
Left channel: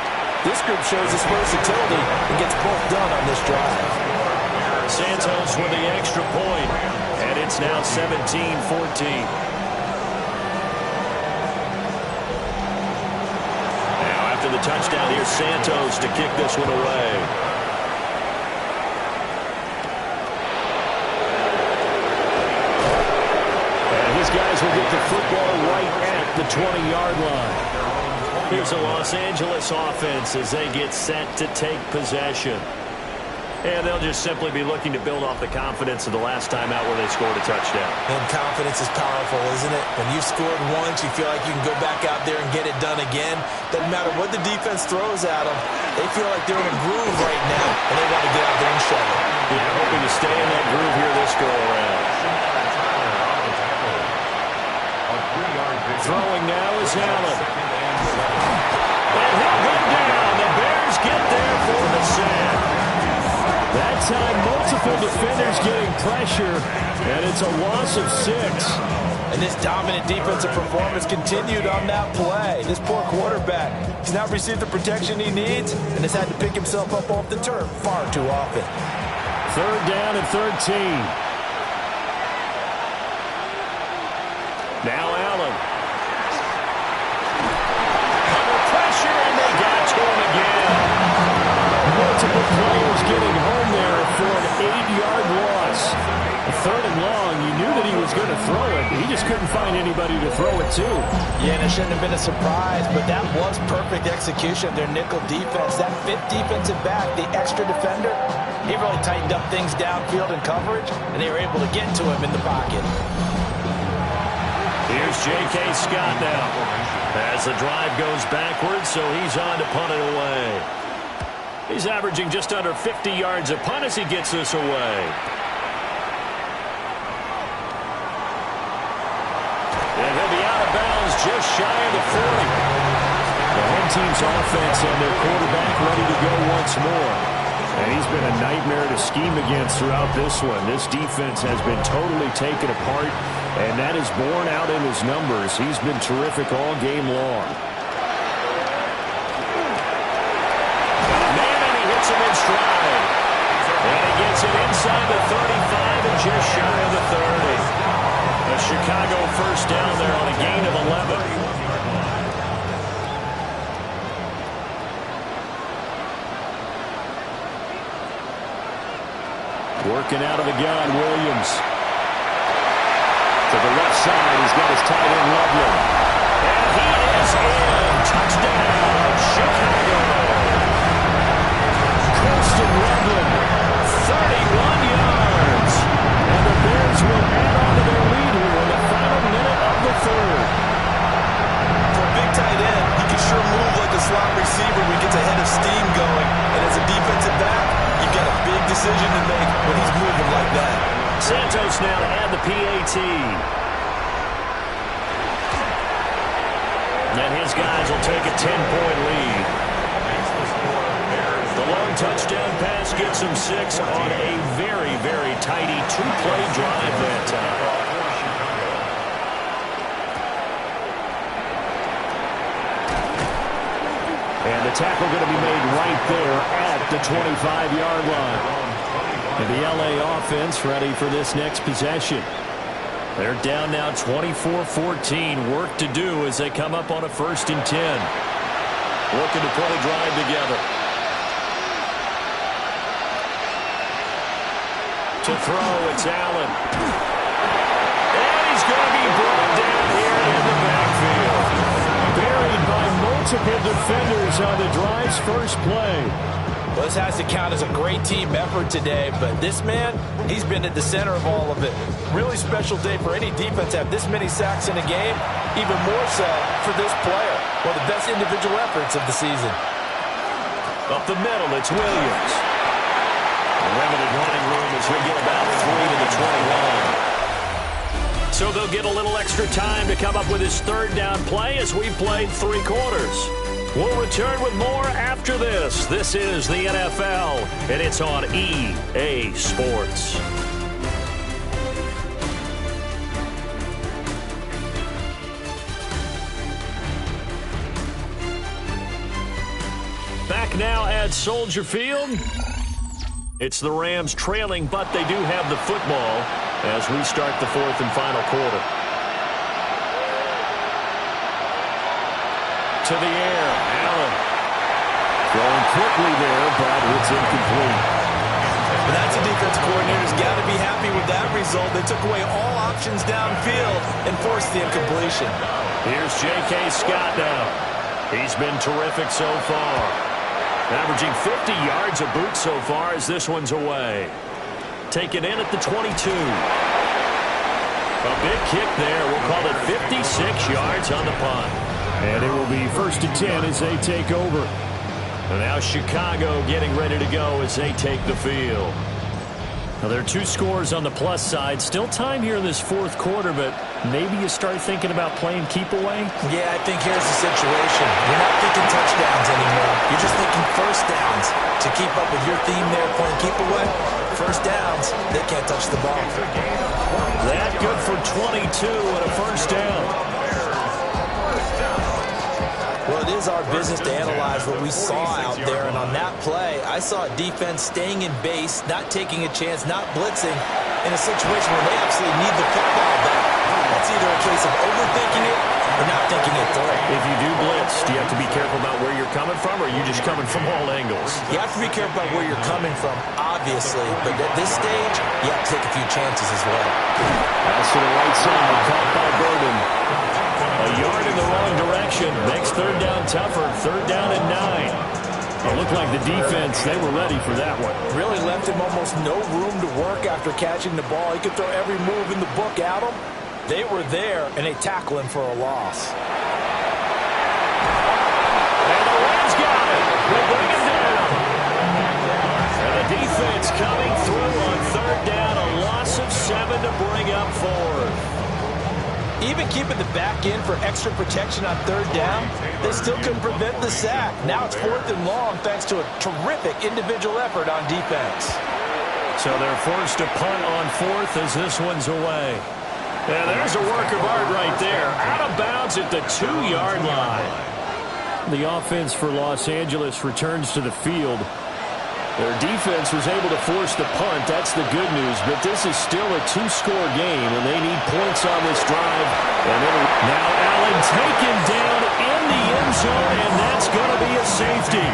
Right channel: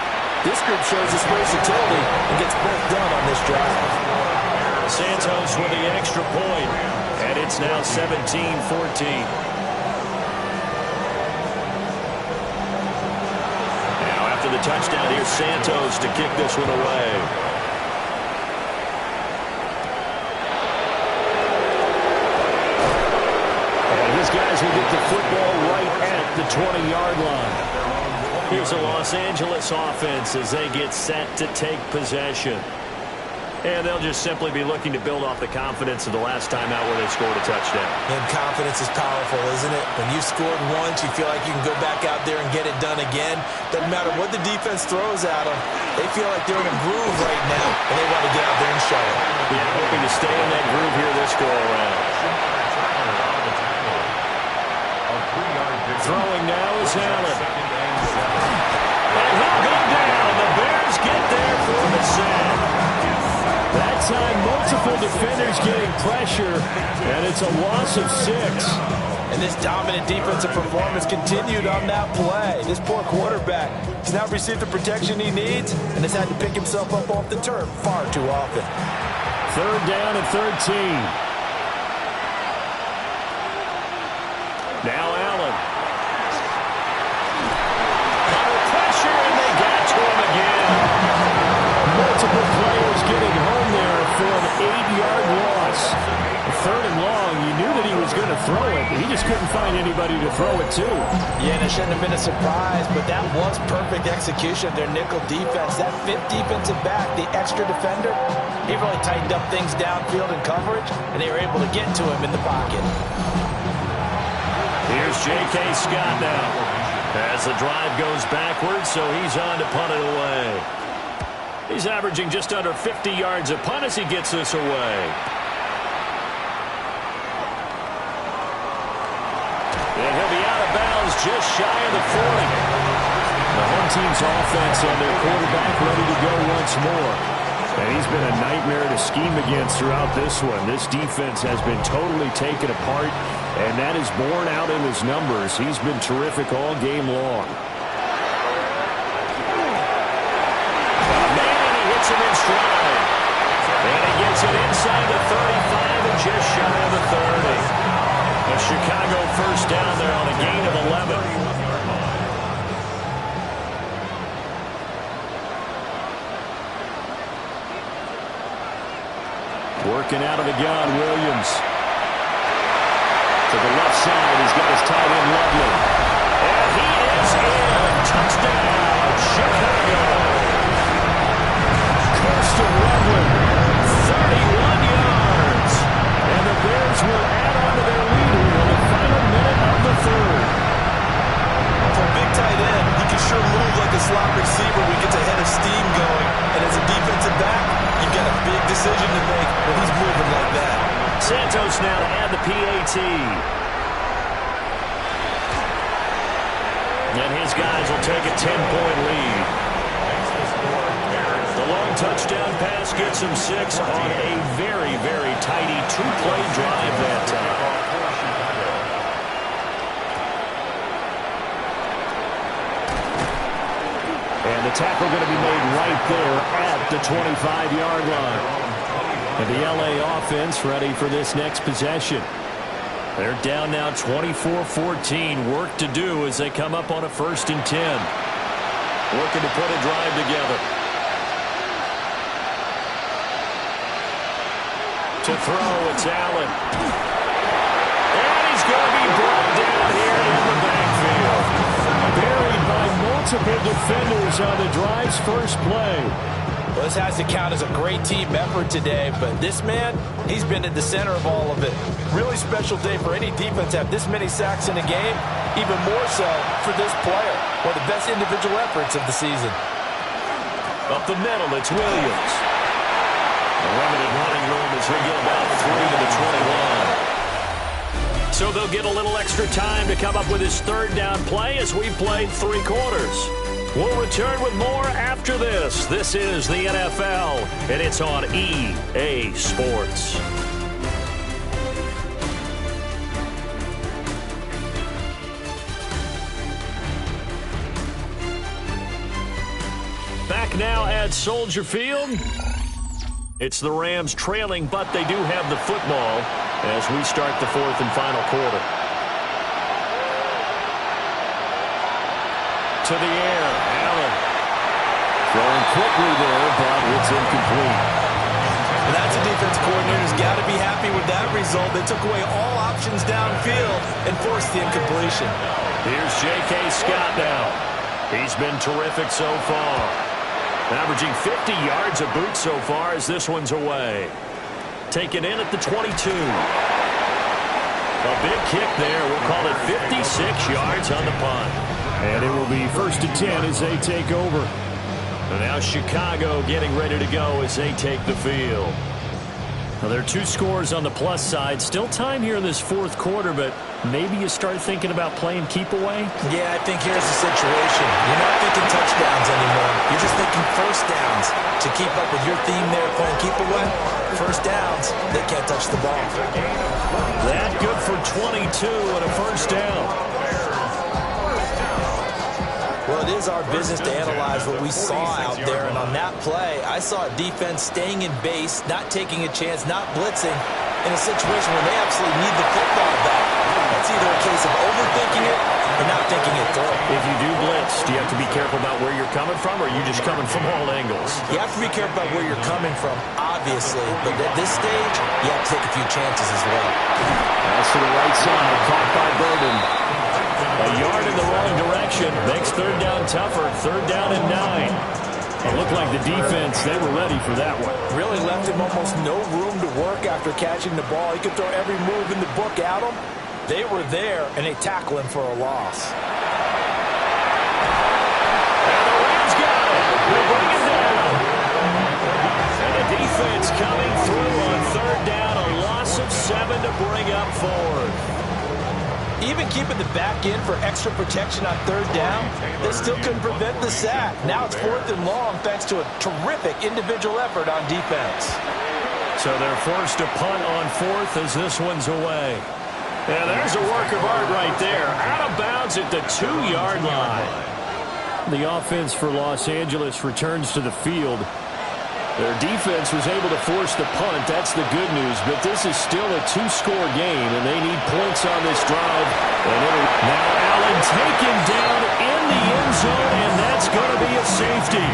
This group shows its versatility and gets both done on this drive. Santos with the extra point, and it's now 17-14. Now after the touchdown, here's Santos to kick this one away. His guys will get the football right at the 20-yard line. Here's the Los Angeles offense as they get set to take possession. And they'll just simply be looking to build off the confidence of the last time out where they scored a touchdown. And confidence is powerful, isn't it? When you've scored once, you feel like you can go back out there and get it done again. Doesn't matter what the defense throws at them. They feel like they're in a groove right now, and they want to get out there and show it. Yeah, hoping to stay in that groove here this go-around. Throwing now is Allen. And he'll go down. The Bears get there for the sack. That time, multiple defenders getting pressure, and it's a loss of 6. And this dominant defensive performance continued on that play. This poor quarterback has now received the protection he needs and has had to pick himself up off the turf far too often. 3rd down and 13. Now Allen. Under pressure, and they got to him again. Multiple players getting home there for an 8-yard loss. 3rd and long, you knew that he was going to throw it. He just couldn't find anybody to throw it to. Yeah, and it shouldn't have been a surprise, but that was perfect execution of their nickel defense. That 5th defensive back, the extra defender, he really tightened up things downfield in coverage, and they were able to get to him in the pocket. Here's J.K. Scott now. As the drive goes backwards, so he's on to punt it away. He's averaging just under 50 yards a punt as he gets this away. And he'll be out of bounds just shy of the 40. The home team's offense and their quarterback ready to go once more. And he's been a nightmare to scheme against throughout this one. This defense has been totally taken apart, and that is borne out in his numbers. He's been terrific all game long. Got a man, and he hits him in stride. And he gets it inside the 35 and just shy of the 30. A Chicago first down there on a gain of 11. Working out of the gun, Williams. To the left side, he's got his tight end, Loveland. And he is in. Touchdown, Chicago. Kirsten Loveland, 31 yards. And the Bears will add on to their lead here in the final minute of the 3rd. For a big tight end, he can sure move like a slot receiver when he gets a head of steam going. And as a defensive back, you've got a big decision to make when he's moving like that. Santos now to add the PAT. And his guys will take a 10-point lead. The long touchdown pass gets him 6 on a very, very tidy 2-play drive that time. And the tackle going to be made right there at the 25-yard line. And the L.A. offense ready for this next possession. They're down now 24-14. Work to do as they come up on a 1st and 10. Looking to put a drive together. To throw, it's Allen. And he's going to be brought down here in the backfield. Buried by multiple defenders on the drive's first play. Well, this has to count as a great team effort today, but this man, he's been at the center of all of it. Really special day for any defense to have this many sacks in a game, even more so for this player. One of the best individual efforts of the season. Up the middle, it's Williams. The limited running room as he'll get about 3 to the 21. So they'll get a little extra time to come up with his 3rd down play as we played 3 quarters. We'll return with more after this. This is the NFL, and it's on EA Sports. now at Soldier Field. It's the Rams trailing, but they do have the football as we start the fourth and final quarter. To the air, Allen. Throwing quickly there, but it's incomplete. And that's a defense coordinator's got to be happy with that result. They took away all options downfield and forced the incompletion. Here's J.K. Scott now. He's been terrific so far. Averaging 50 yards a boot so far as this one's away. Taken in at the 22. A big kick there. We'll call it 56 yards on the punt. And it will be 1st and 10 as they take over. And now Chicago getting ready to go as they take the field. Now there are 2 scores on the plus side. Still time here in this fourth quarter, but maybe you start thinking about playing keep away? Yeah, I think here's the situation. You're not thinking touchdowns anymore. You're just thinking first downs. To keep up with your theme there, playing keep away, first downs, they can't touch the ball. That good for 22 and a first down. Well, it is our business to analyze what we saw out there, and on that play, I saw a defense staying in base, not taking a chance, not blitzing, in a situation where they absolutely need the football back. That's either a case of overthinking it or not thinking it through. If you do blitz, do you have to be careful about where you're coming from, or are you just coming from all angles? You have to be careful about where you're coming from, obviously, but at this stage, you have to take a few chances as well. Pass to the right side, caught by Burden. A yard in the wrong direction makes third down tougher. 3rd down and 9. It looked like the defense, they were ready for that one. Really left him almost no room to work after catching the ball. He could throw every move in the book at him. They were there, and they tackle him for a loss. And the Rams got it. They bring him down. And the defense coming through on 3rd down. A loss of 7 to bring up 4th. Even keeping the back end for extra protection on 3rd down, they still couldn't prevent the sack. Now it's 4th and long thanks to a terrific individual effort on defense. So they're forced to punt on 4th as this one's away. And there's a work of art right there. Out of bounds at the 2-yard line. The offense for Los Angeles returns to the field. Their defense was able to force the punt. That's the good news. But this is still a 2-score game, and they need points on this drive. And now Allen taken down in the end zone, and that's going to be a safety.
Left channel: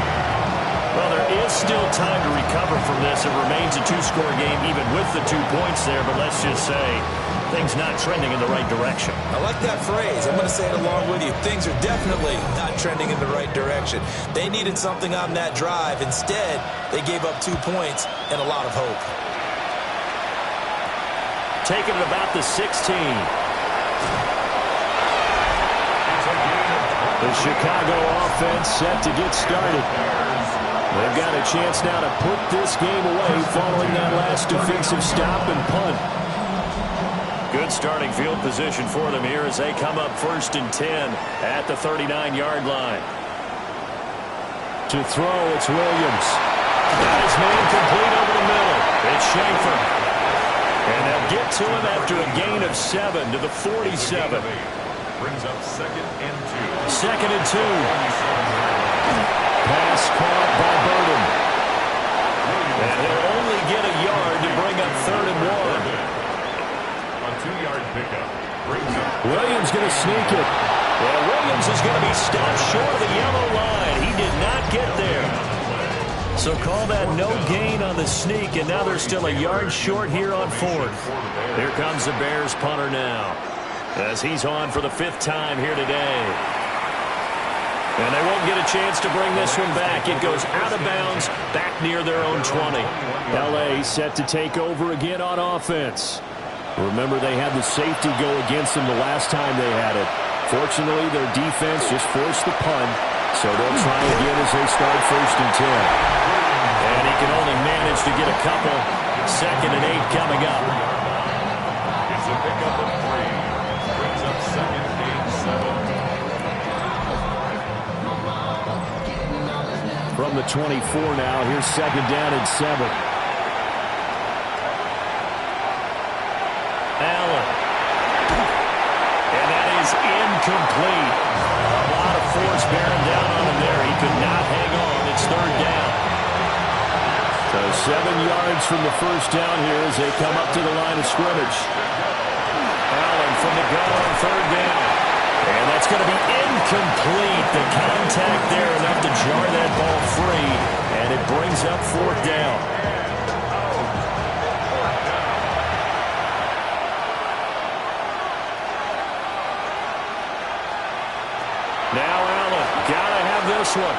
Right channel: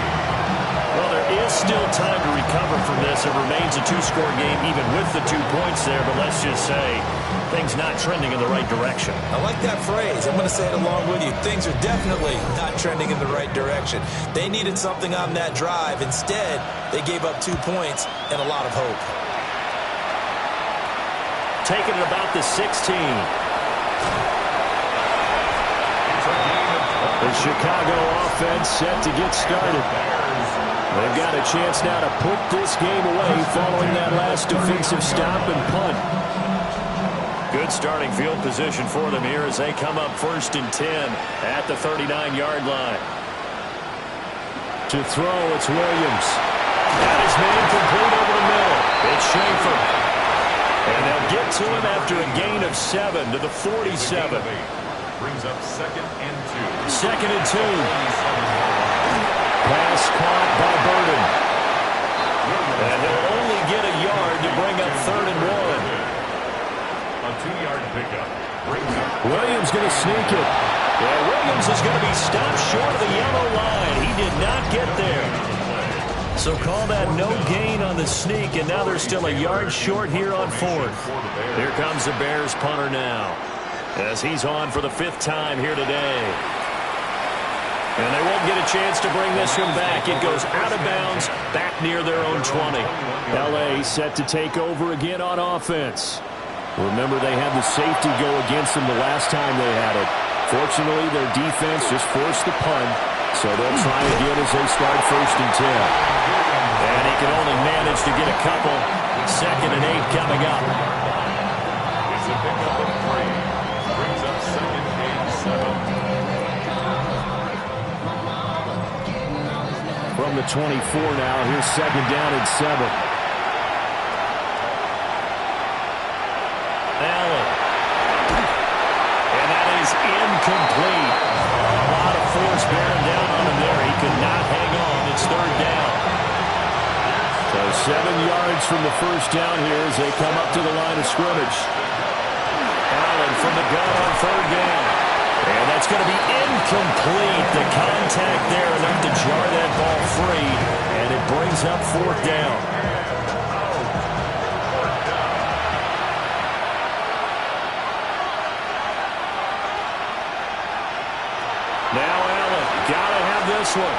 Well, there is still time to recover from this. It remains a 2-score game even with the 2 points there. But let's just say things not trending in the right direction. I like that phrase. I'm going to say it along with you. Things are definitely not trending in the right direction. They needed something on that drive. Instead, they gave up 2 points and a lot of hope. Taking it about the 16. The Chicago offense set to get started. They've got a chance now to put this game away following that last defensive stop and punt. Good starting field position for them here as they come up 1st and 10 at the 39-yard line. To throw, it's Williams. That is man complete over the middle. It's Schaefer. And they'll get to him after a gain of 7 to the 47. Brings up 2nd and 2. 2nd and 2. Pass caught by Burden. And he'll only get a yard to bring up 3rd and 1. A 2-yard pickup. Brings up. Williams going to sneak it. Yeah, Williams is going to be stopped short of the yellow line. He did not get there. So call that no gain on the sneak, and now they're still a yard short here on 4th. Here comes the Bears punter now, as he's on for the 5th time here today. And they won't get a chance to bring this one back. It goes out of bounds, back near their own 20. L.A. set to take over again on offense. Remember, they had the safety go against them the last time they had it. Fortunately, their defense just forced the punt, so they'll try again as they start 1st and 10. And he can only manage to get a couple. 2nd and 8 coming up. It's a pickup of 3. Brings up 2nd and 7. From the 24 now, here's 2nd down and 7. Allen. And that is incomplete. A lot of force bearing down on him there. He could not hang on. It's third down. So 7 yards from the first down here as they come up to the line of scrimmage. Allen from the gun on third down. And that's going to be incomplete. The contact there enough to jar that ball free. And it brings up fourth down. Now Allen, got to have this one.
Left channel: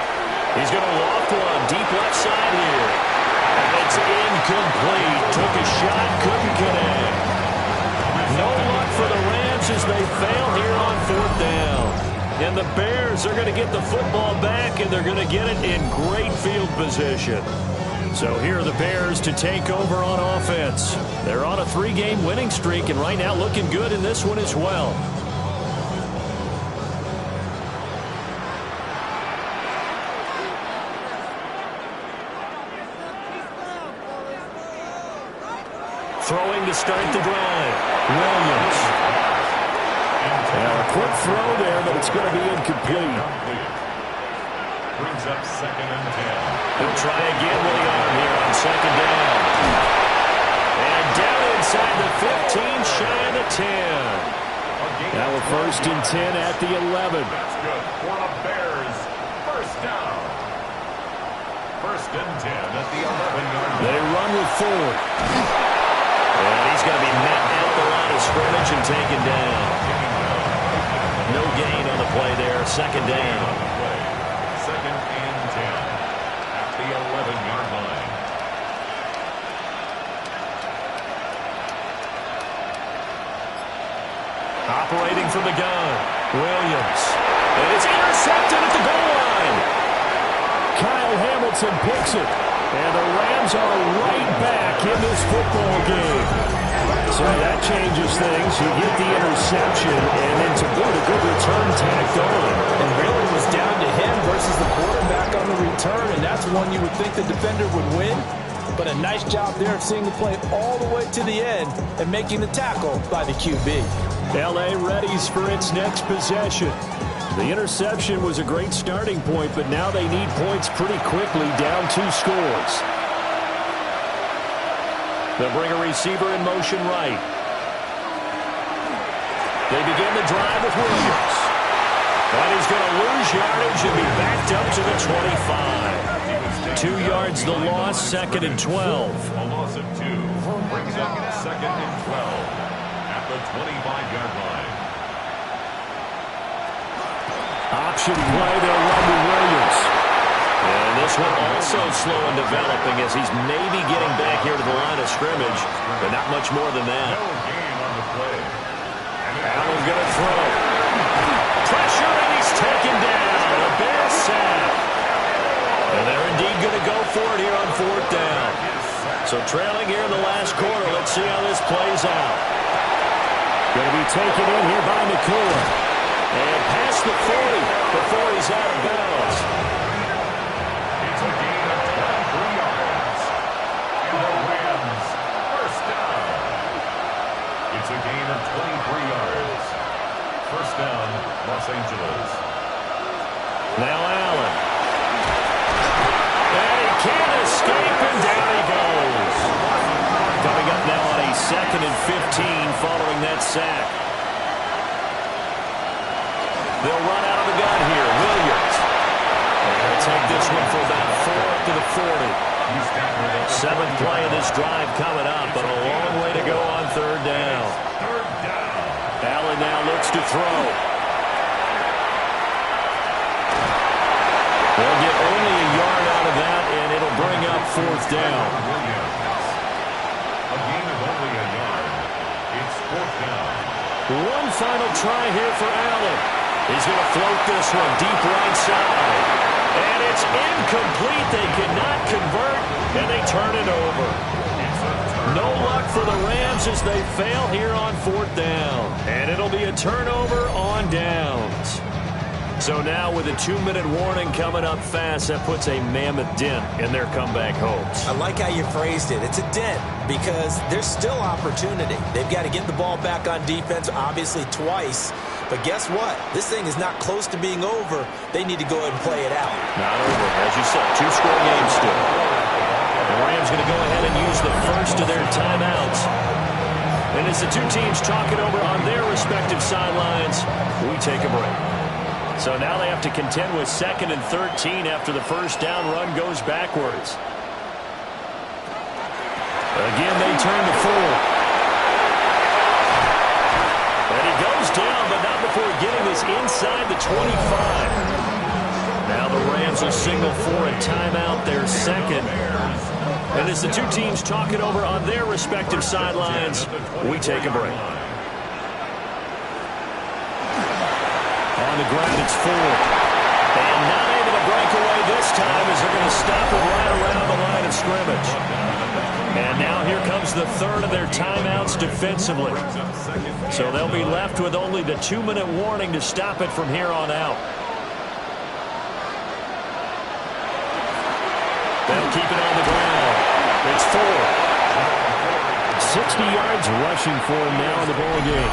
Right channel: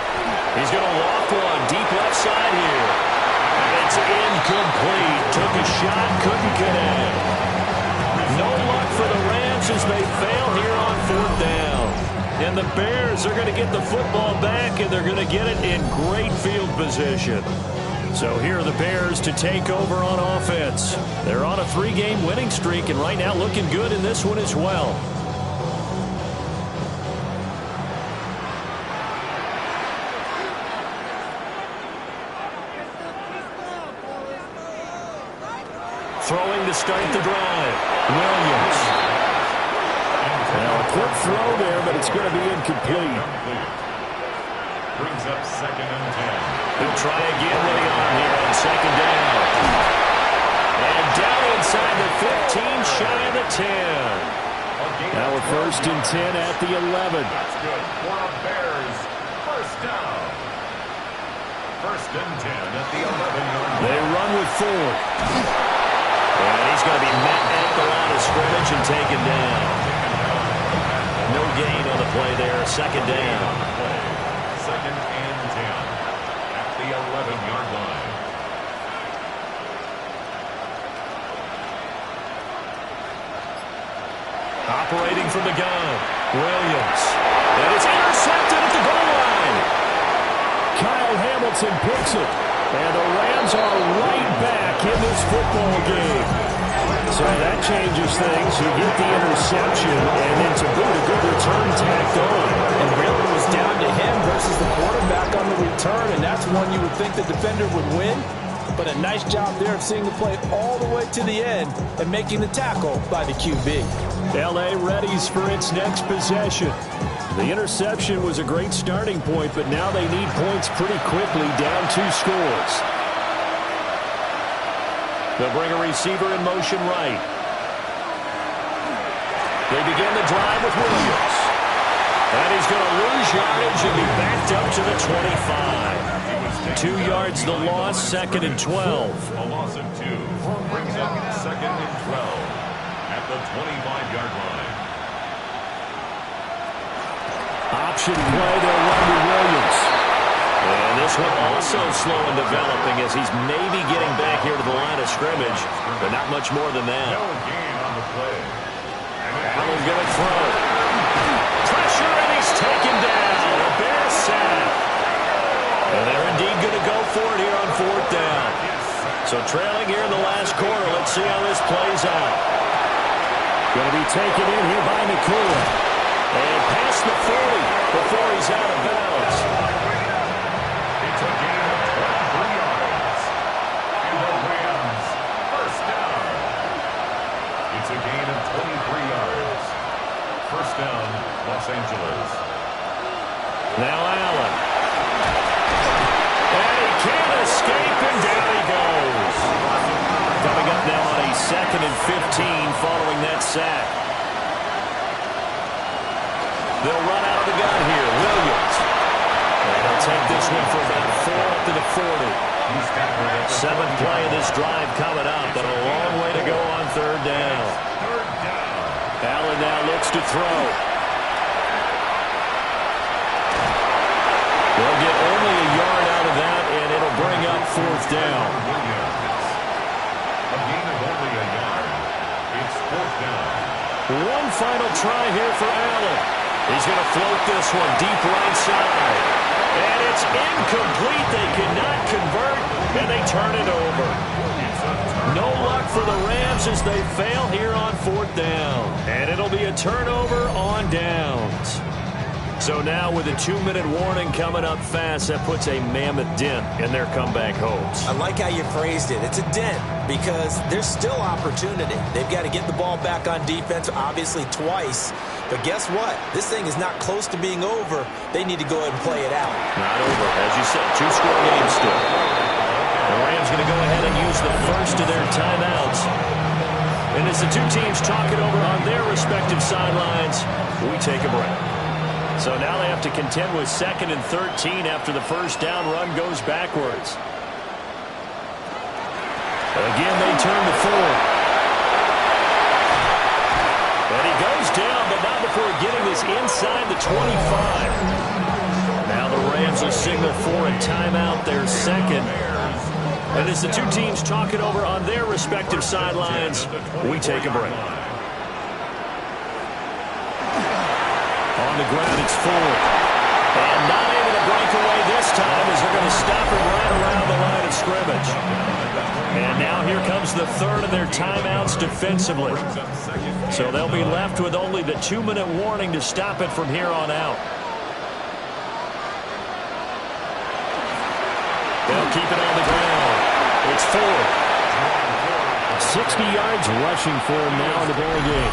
He's going to loft one deep left side here. And it's incomplete. Took a shot, couldn't connect. No luck for the Rams as they fail here on fourth down. And the Bears are going to get the football back, and they're going to get it in great field position. So here are the Bears to take over on offense. They're on a 3-game winning streak, and right now looking good in this one as well. Throwing to start the drive. Williams. Now a quick throw there, but it's going to be incomplete. Brings up 2nd and 10. He'll try again with the arm here on 2nd down. And down inside the 15, shy of the 10. Now we're 1st and 10 at the 11. That's good for the Bears. First down. 1st and 10 at the 11-yard line. They run with Ford. And he's going to be met at the line of scrimmage and taken down. No gain on the play there. 2nd down. 2nd and 10 at the 11-yard line. Operating from the gun. Williams. And it's intercepted at the goal line. Kyle Hamilton picks it. And the Rams are right back in this football game. So that changes things. You get the interception, and then to boot, a good return tacked on. And really it was down to him versus the quarterback on the return, and that's one you would think the defender would win. But a nice job there of seeing the play all the way to the end and making the tackle by the QB. L.A. readies for its next possession. The interception was a great starting point, but now they need points pretty quickly, down 2 scores. They'll bring a receiver in motion right. They begin the drive with Williams. And he's going to lose yardage and be backed up to the 25. 2 yards the loss, 2nd and 12. A loss of 2 brings up 2nd and 12 at the 25-yard line. Option play, they'll run to Williams. And this one also slow in developing as he's maybe getting back here to the line of scrimmage, but not much more than that. No gain on the play. Allen going to throw. Pressure, and he's taken down. A Bear sack. And they're indeed going to go for it here on 4th down. So trailing here in the last quarter, let's see how this plays out. Going to be taken in here by Nakua. And past the 40 before he's out of bounds. It's a gain of 23 yards. And the Rams, first down. It's a gain of 23 yards. First down, Los Angeles. Now Allen. And he can't escape, and down he goes. Coming up now on a 2nd and 15 following that sack. They'll run out of the gun here. Williams. And he'll take this one for about 4 up to the 40. 7th play of this drive coming up, but a long way to go on 3rd down. Third down. Allen now looks to throw. They'll get only a yard out of that, and it'll bring up 4th down. A gain of only a yard. It's 4th down. One final try here for Allen. He's going to float this one deep right side. And it's incomplete. They cannot convert, and they turn it over. No luck for the Rams as they fail here on 4th down. And it'll be a turnover on downs. So now with a 2-minute warning coming up fast, that puts a mammoth dent in their comeback hopes. I like how you phrased it. It's a dent because there's still opportunity. They've got to get the ball back on defense, obviously twice. But guess what? This thing is not close to being over. They need to go ahead and play it out. Not over. As you said, 2-score game still. The Rams going to go ahead and use the first of their timeouts. And as the two teams talk it over on their respective sidelines, we take a break. So now they have to contend with 2nd and 13 after the first down run goes backwards. Again, they turn to 4. And he goes down, but not before getting this inside the 25. Now the Rams will signal for a timeout, their second. And as the two teams talk it over on their respective sidelines, we take a break. On the ground, it's 4. And not able to break away this time as they're going to stop it right around the line of scrimmage. And now here comes the third of their timeouts defensively. So they'll be left with only the 2-minute warning to stop it from here on out. They'll keep it on the ground. It's 4. 60 yards rushing for him now in the ball game.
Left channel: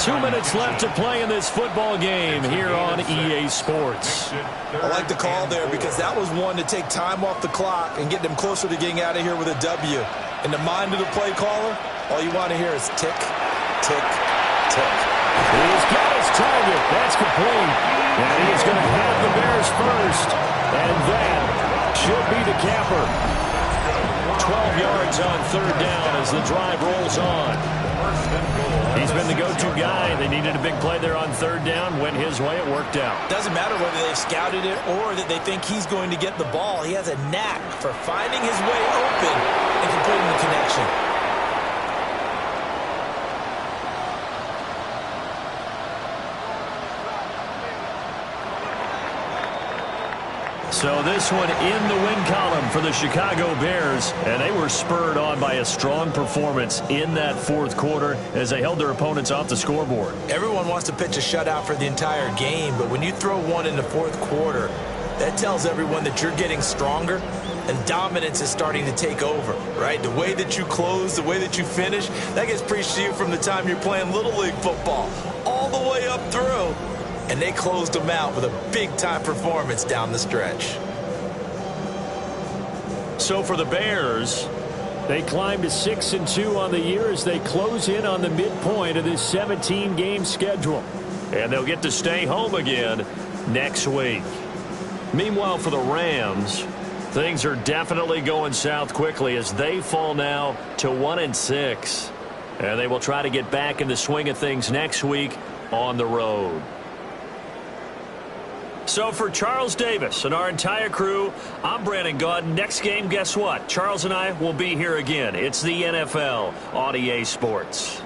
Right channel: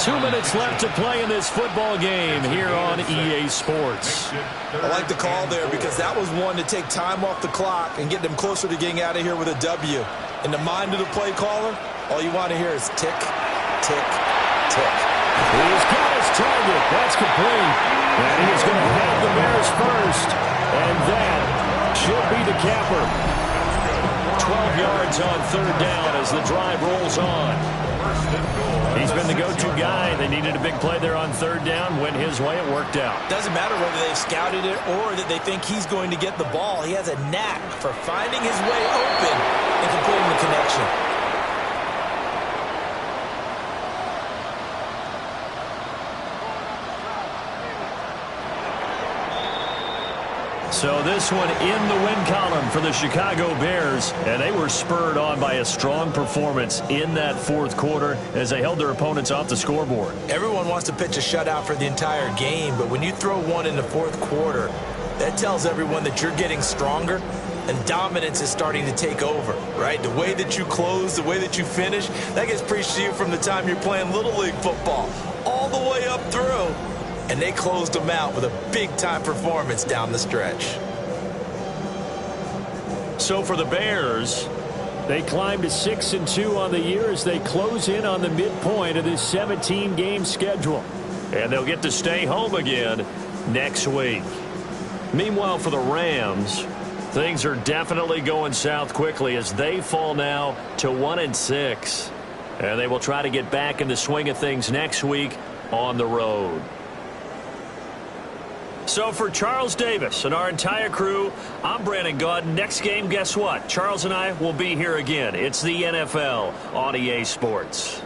2 minutes left to play in this football game here on EA Sports. I like the call there because that was one to take time off the clock and get them closer to getting out of here with a W. In the mind of the play caller, all you want to hear is tick, tick, tick. He's got his target. That's complete. And he's going to have the Bears first. And that should be the capper. 12 yards on 3rd down as the drive rolls on. He's been the go-to guy. They needed a big play there on 3rd down. Went his way. It worked out. Doesn't matter whether they've scouted it or that they think he's going to get the ball. He has a knack for finding his way open and completing the connection. So this one in the win column for the Chicago Bears, and they were spurred on by a strong performance in that 4th quarter as they held their opponents off the scoreboard. Everyone wants to pitch a shutout for the entire game, but when you throw one in the 4th quarter, that tells everyone that you're getting stronger and dominance is starting to take over, right? The way that you close, the way that you finish, that gets preached to you from the time you're playing Little League football all the way up through. And they closed them out with a big-time performance down the stretch. So for the Bears, they climb to 6-2 on the year as they close in on the midpoint of this 17-game schedule. And they'll get to stay home again next week. Meanwhile, for the Rams, things are definitely going south quickly as they fall now to 1-6. And they will try to get back in the swing of things next week on the road. So for Charles Davis and our entire crew, I'm Brandon Gaudin. Next game, guess what? Charles and I will be here again. It's the NFL on EA Sports.